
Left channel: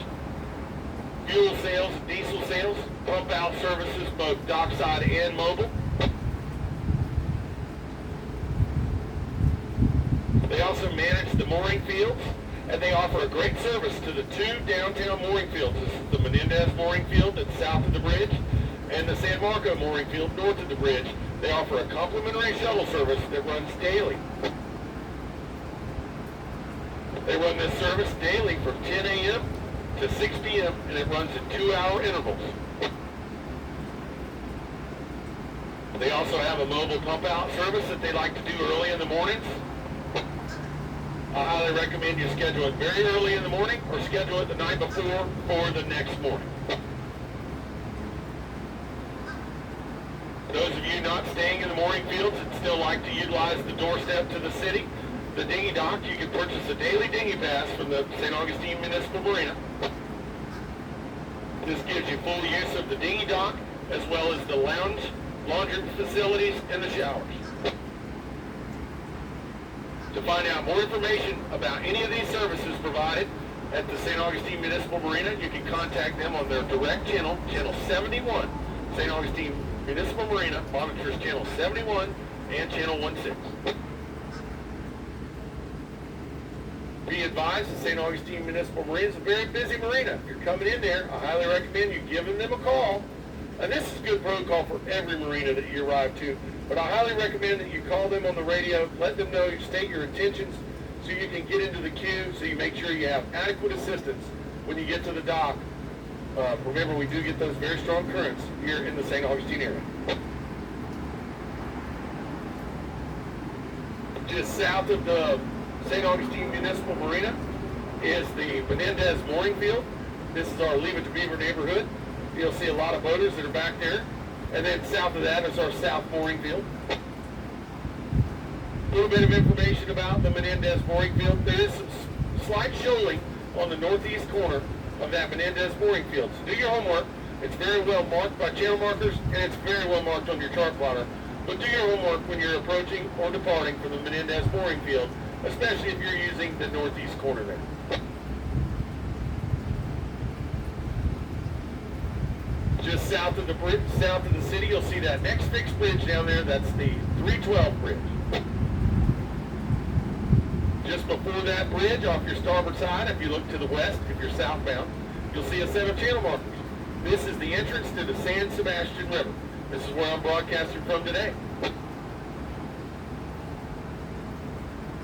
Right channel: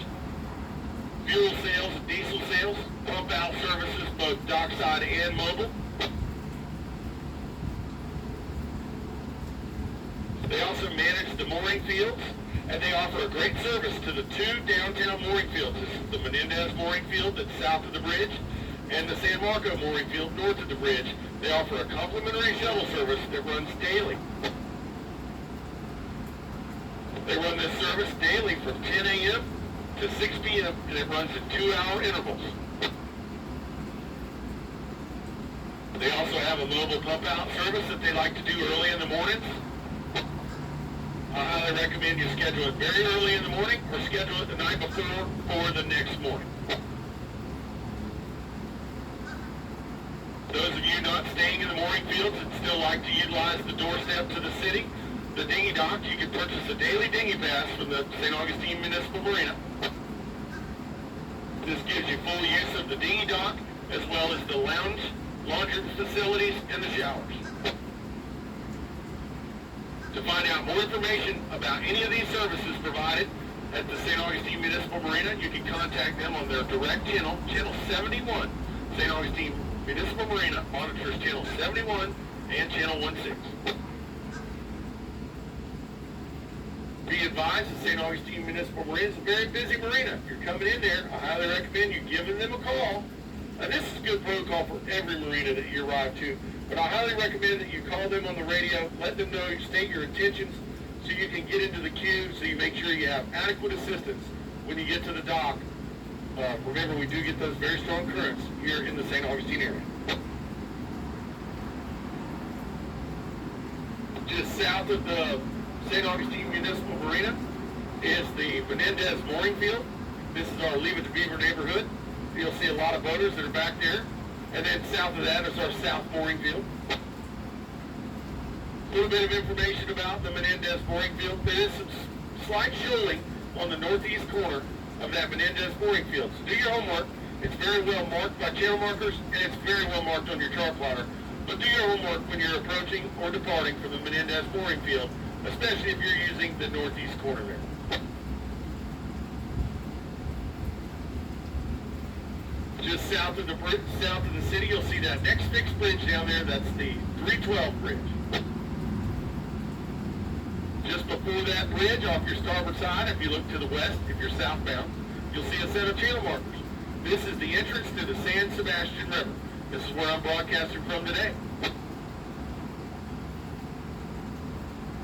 fuel sales, diesel sales, pump-out services, both dockside and mobile. They also manage the mooring fields, and they offer a great service to the two downtown mooring fields. This is the Menendez mooring field that's south of the bridge, and the San Marco mooring field north of the bridge. They offer a complimentary shuttle service that runs daily. They run this service daily from 10 a.m. to 6 p.m., and it runs in 2-hour intervals. They also have a mobile pump-out service that they like to do early in the mornings. I highly recommend you schedule it very early in the morning or schedule it the night before or the next morning. Those of you not staying in the mooring fields and still like to utilize the doorstep to the city, the dinghy dock, you can purchase a daily dinghy pass from the St. Augustine Municipal Marina. This gives you full use of the dinghy dock as well as the lounge, laundry facilities, and the showers. To find out more information about any of these services provided at the St. Augustine Municipal Marina, you can contact them on their direct channel, Channel 71. St. Augustine Municipal Marina monitors Channel 71 and Channel 16. Be advised, the St. Augustine Municipal Marina is a very busy marina. If you're coming in there, I highly recommend you giving them a call. And this is good protocol for every marina that you arrive to. But I highly recommend that you call them on the radio, let them know, state your intentions, so you can get into the queue, so you make sure you have adequate assistance when you get to the dock. Remember, we do get those very strong currents here in the St. Augustine area. Just south of the St. Augustine Municipal Marina is the Menendez mooring field. This is our Leave It to Beaver neighborhood. You'll see a lot of boaters that are back there. And then south of that is our south mooring field. A little bit of information about the Menendez mooring field. There is some slight shoaling on the northeast corner of that Menendez mooring field. So do your homework. It's very well marked by channel markers, and it's very well marked on your chart plotter. But do your homework when you're approaching or departing from the Menendez mooring field, especially if you're using the northeast corner there. Just south of the city, you'll see that next fixed bridge down there. That's the 312 bridge. Just before that bridge, off your starboard side, if you look to the west, if you're southbound, you'll see a set of channel markers. This is the entrance to the San Sebastian River. This is where I'm broadcasting from today.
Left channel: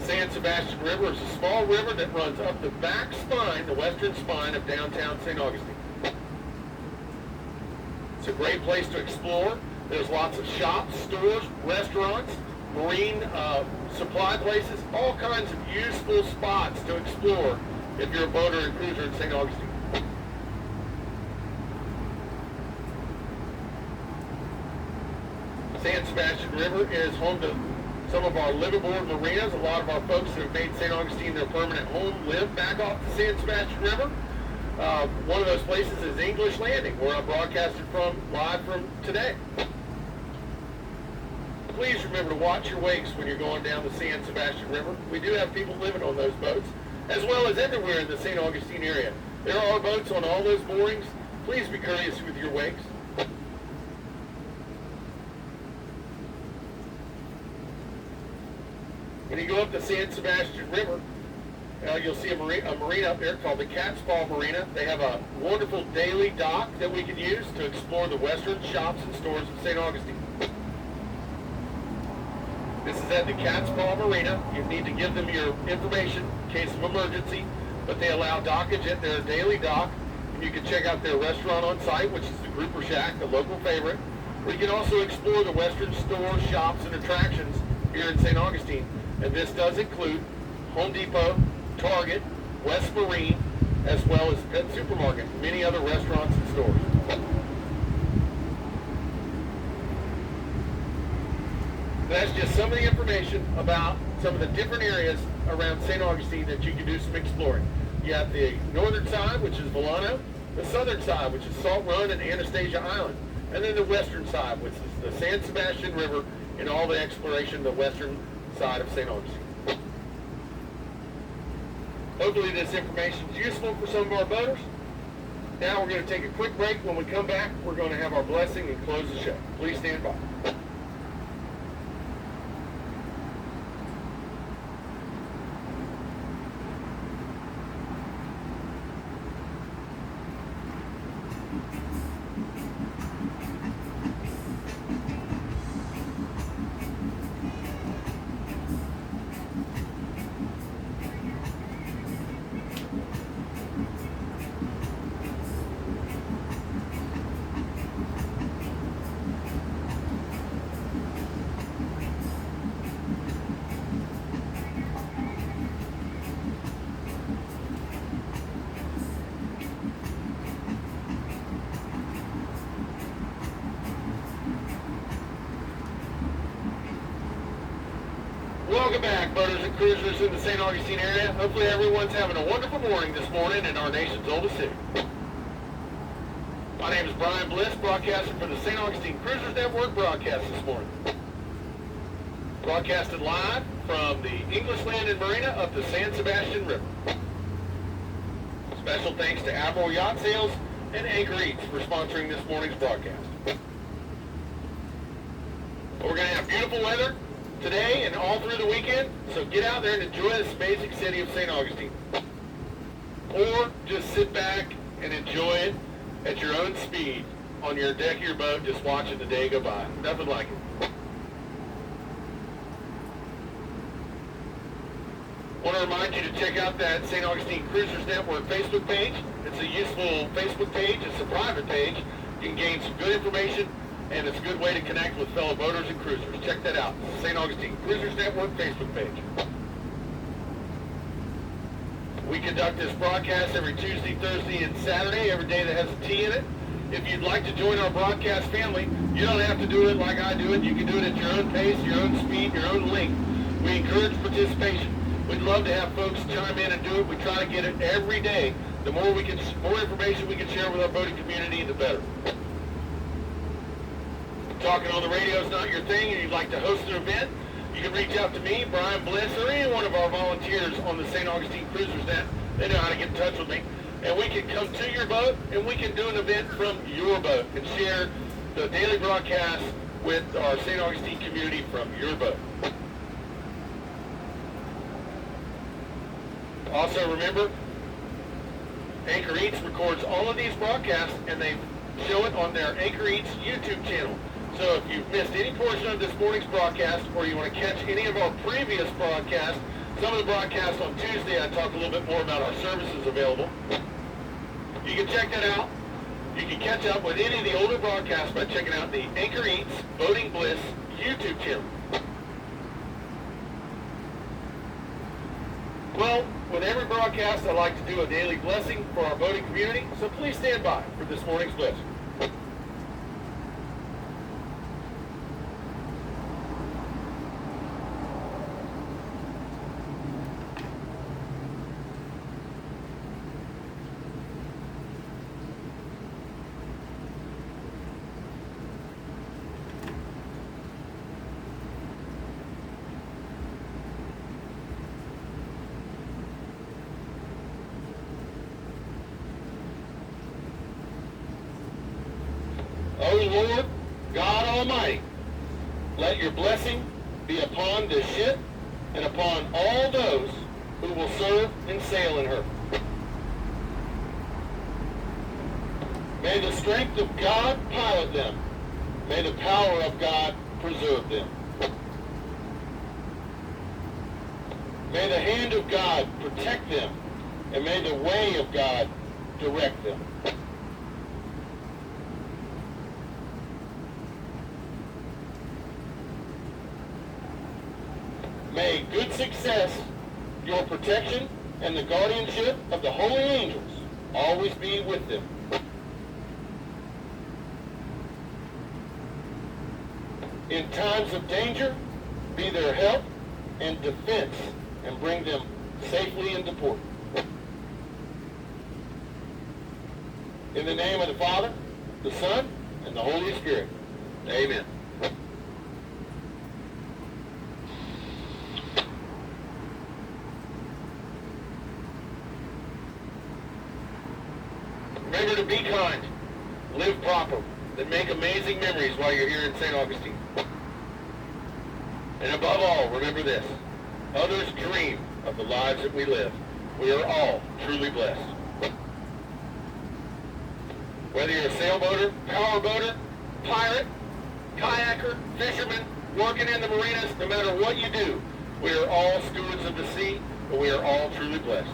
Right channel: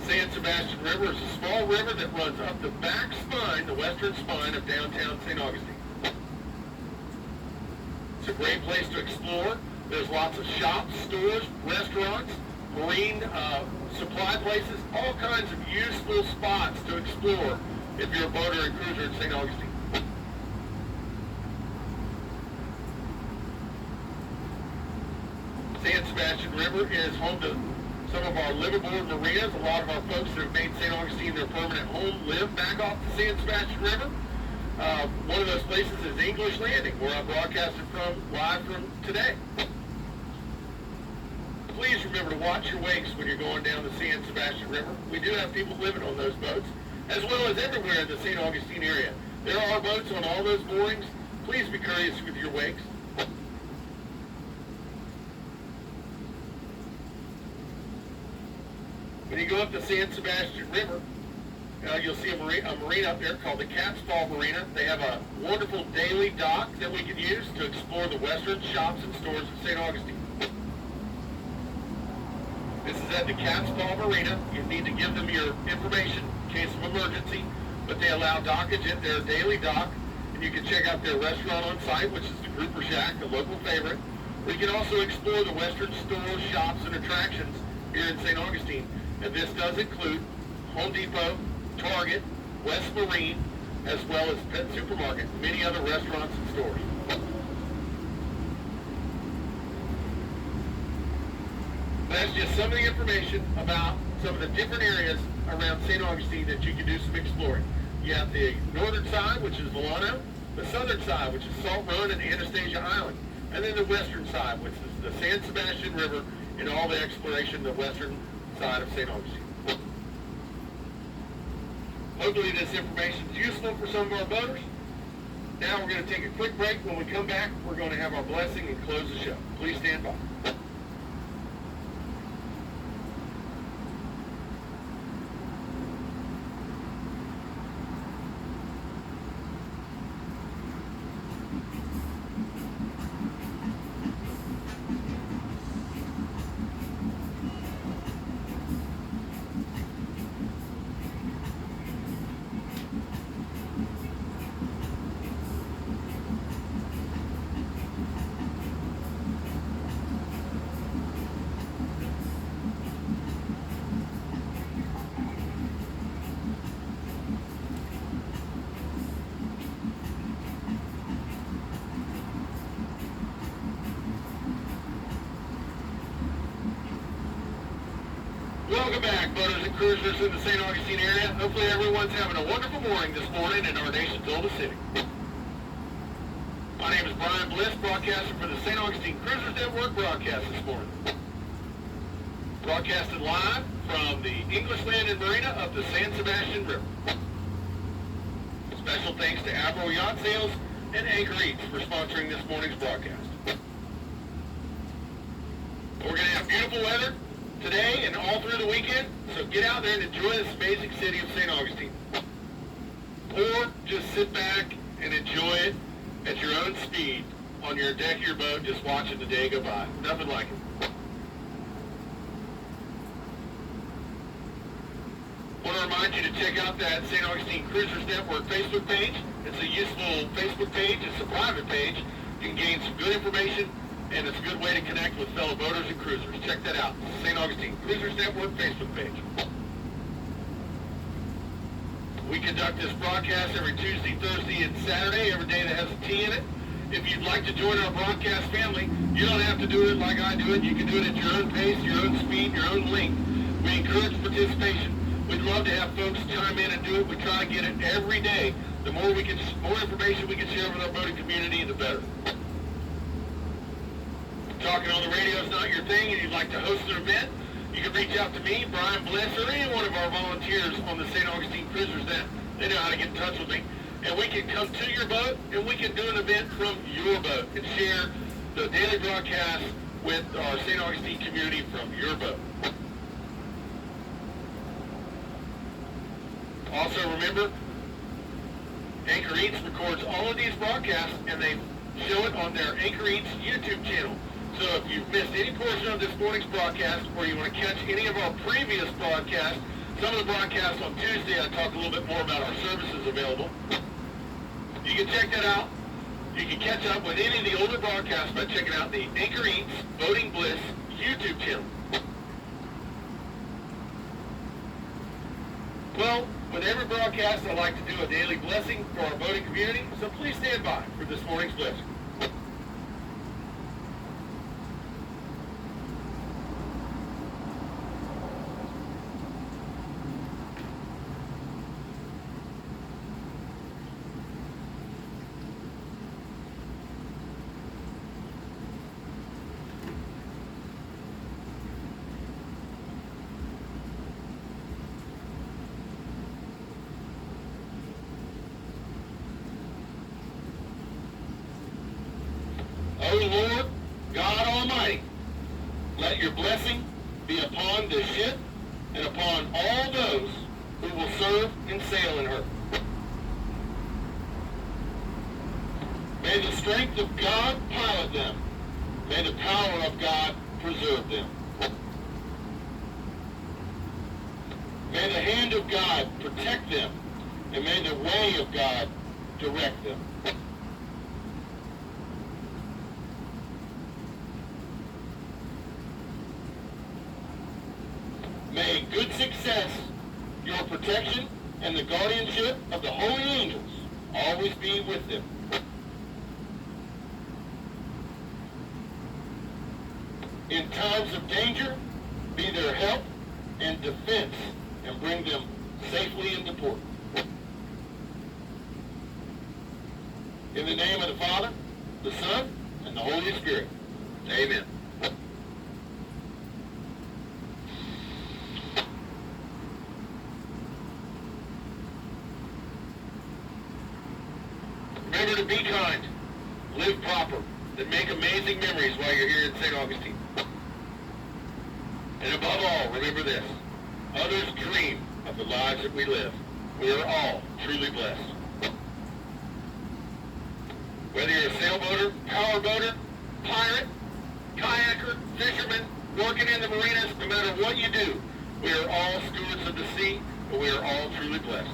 San Sebastian River is a small river that runs up the back spine, the western spine of downtown St. Augustine. It's a great place to explore. There's lots of shops, stores, restaurants, marine supply places, all kinds of useful spots to explore if you're a boater and cruiser in St. Augustine. San Sebastian River is home to some of our liveaboard marinas. A lot of our folks that have made St. Augustine their permanent home live back off the San Sebastian River. One of those places is English Landing, where I broadcasted live from today. Please remember to watch your wakes when you're going down the San Sebastian River. We do have people living on those boats, as well as everywhere in the St. Augustine area. There are boats on all those moorings. Please be courteous with your wakes. When you go up the San Sebastian River, you'll see a marina up there called the Cat's Paw Marina. They have a wonderful daily dock that we can use to explore the western shops and stores of St. Augustine. This is at the Cat's Paw Marina. You need to give them your information in case of emergency, but they allow dockage at their daily dock, and you can check out their restaurant on site, which is the Grouper Shack, a local favorite. We can also explore the western stores, shops, and attractions here in St. Augustine, and this does include Home Depot, Target, West Marine, as well as Pet Supermarket, and many other restaurants and stores. That's just some of the information about some of the different areas around St. Augustine that you can do some exploring. You have the northern side, which is Volano, the southern side, which is Salt Run and Anastasia Island, and then the western side, which is the San Sebastian River and all the exploration of the western side of St. Augustine. Hopefully this information is useful for some of our boaters. Now we're going to take a quick break. When we come back, we're going to have our blessing and close the show. Please stand by. boaters and cruisers in the St. Augustine area. Hopefully everyone's having a wonderful morning this morning in our nation's oldest city. My name is Brian Bliss, broadcasting for the St. Augustine Cruisers Network broadcast this morning. Broadcasted live from the English Landing Marina of the San Sebastian River. Special thanks to Admiral Yacht Sales and Anchor Eats for sponsoring this morning's broadcast. We're going to have beautiful weather today and all through the weekend, so get out there and enjoy this amazing city of St. Augustine. Or just sit back and enjoy it at your own speed on your deck of your boat, just watching the day go by. Nothing like it. I want to remind you to check out that St. Augustine Cruisers Network Facebook page. It's a useful Facebook page. It's a private page. You can gain some good information, and it's a good way to connect with fellow boaters and cruisers. Check that out. St. Augustine Cruisers Network Facebook page. We conduct this broadcast every Tuesday, Thursday, and Saturday, every day that has a T in it. If you'd like to join our broadcast family, you don't have to do it like I do it. You can do it at your own pace, your own speed, your own length. We encourage participation. We'd love to have folks chime in and do it. We try to get it every day. The more information we can share with our boating community, the better. Talking on the radio is not your thing, and you'd like to host an event, you can reach out to me, Brian Bliss, or any one of our volunteers on the St. Augustine Cruisers Net. They know how to get in touch with me. And we can come to your boat, and we can do an event from your boat and share the daily broadcast with our St. Augustine community from your boat. Also remember, Anchor Eats records all of these broadcasts, and they show it on their Anchor Eats YouTube channel. So if you've missed any portion of this morning's broadcast, or you want to catch any of our previous broadcasts, some of the broadcasts on Tuesday I talk a little bit more about our services available. You can check that out. You can catch up with any of the older broadcasts by checking out the Anchor Eats Boating Bliss YouTube channel. Well, with every broadcast, I like to do a daily blessing for our boating community, so please stand by for this morning's blessing. O Lord, God Almighty, let your blessing be upon this ship and upon all those who will serve and sail in her. May the strength of God pilot them. May the power of God preserve them. May the hand of God protect them, and may the way of God direct them. May good success, your protection, and the guardianship of the holy angels always be with them. In times of danger, be their help and defense, and bring them safely into port. In the name of the Father, the Son, and the Holy Spirit. Amen. Remember to be kind, live proper, and make amazing memories while you're here in St. Augustine. And above all, remember this: others dream of the lives that we live. We are all truly blessed. Whether you're a sailboater, powerboater, pirate, kayaker, fisherman, working in the marinas, no matter what you do, we are all stewards of the sea, but we are all truly blessed.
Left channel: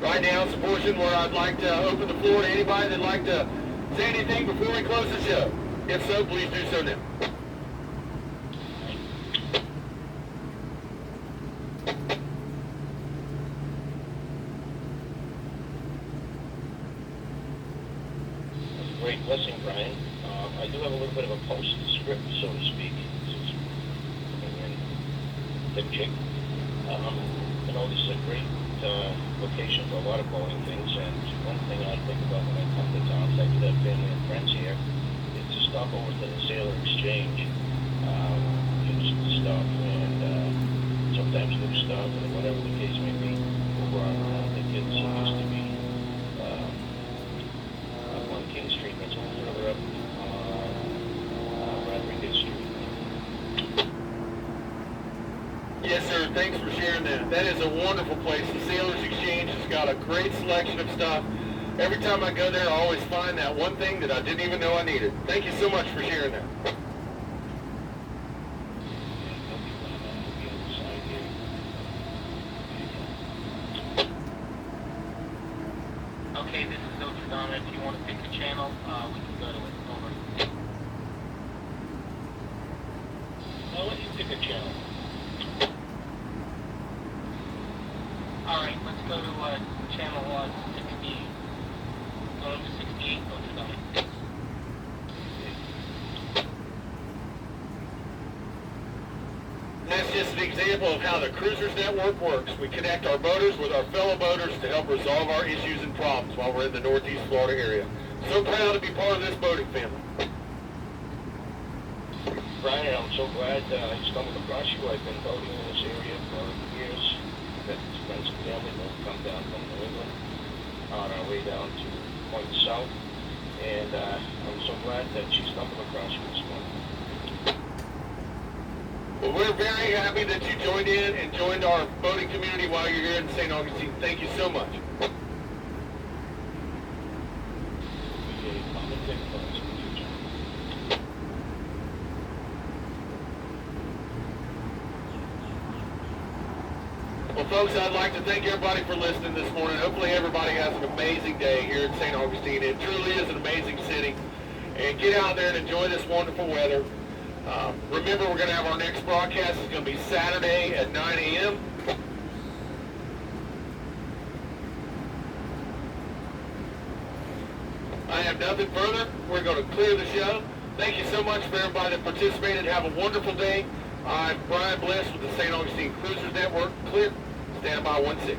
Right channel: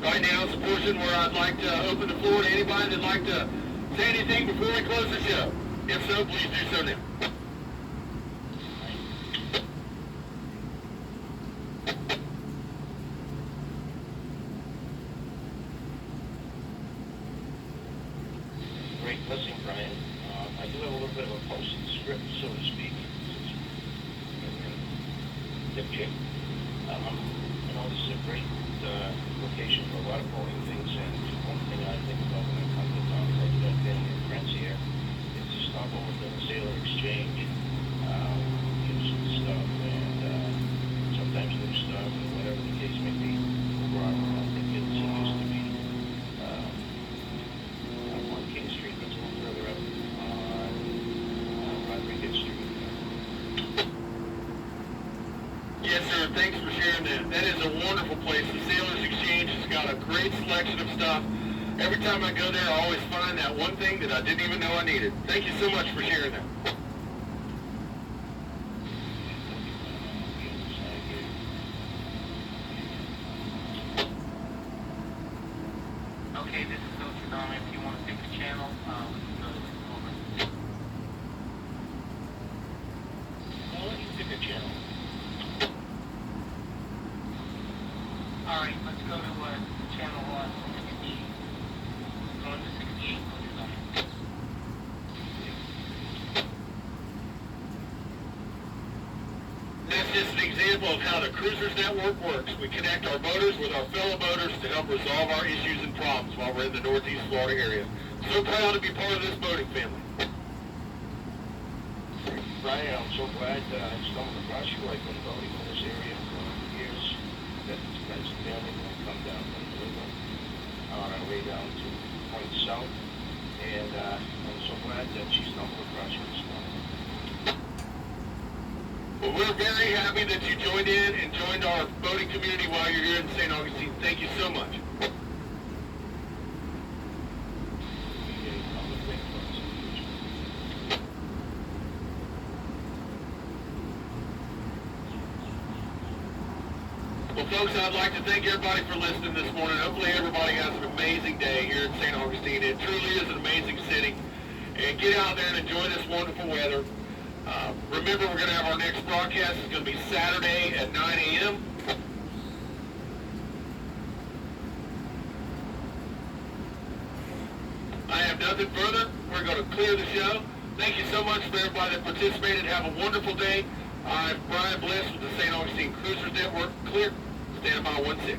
Right now is the portion where I'd like to open the floor to anybody that'd like to say anything before we close the show. If so, please do so now. Great blessing, little bit of a posted script, so to speak. And dipchick. You know, this is a great location for a lot of boating things, and one thing I think about when I come to town, I do have family and friends here, is to stop over to the Sailor Exchange, get some stuff, and sometimes new stuff, and whatever the case may be, over on, I think it used to be, up on King Street, but it's a little further up on Rodriguez Street. Yes, sir. Thanks for sharing that. That is a wonderful place. The Sailors Exchange has got a great selection of stuff. Every time I go there, I always find that one thing that I didn't even know I needed. Thank you so much for sharing that. Okay, this is Ultradonna. If you want to pick a channel, we can go to it. Over. Well, you pick a channel. Alright, let's go to channel 16. Going to 68, Ultradonna. That's just an example of how the Cruisers Network works. We connect our boaters with our fellow boaters to help resolve our issues and problems while we're in the Northeast Florida area. So proud to be part of this boating family. Brian, I'm so glad I stumbled across you. I've been boating in this area for years. Got friends and family that come down from New England on our way down to Point South. And I'm so glad that she stumbled across you this morning. Well, we're very happy that you joined in and joined our boating community while you're here in St. Augustine. Thank you so much. Well, folks, I'd like to thank everybody for listening this morning. Hopefully everybody has an amazing day here in St. Augustine. It truly is an amazing city. And get out there and enjoy this wonderful weather. Remember, we're going to have our next broadcast. It's going to be Saturday at 9 a.m. I have nothing further. We're going to clear the show. Thank you so much for everybody that participated. Have a wonderful day. I'm Brian Bliss with the St. Augustine Cruisers Network. Clear. Stand by 16.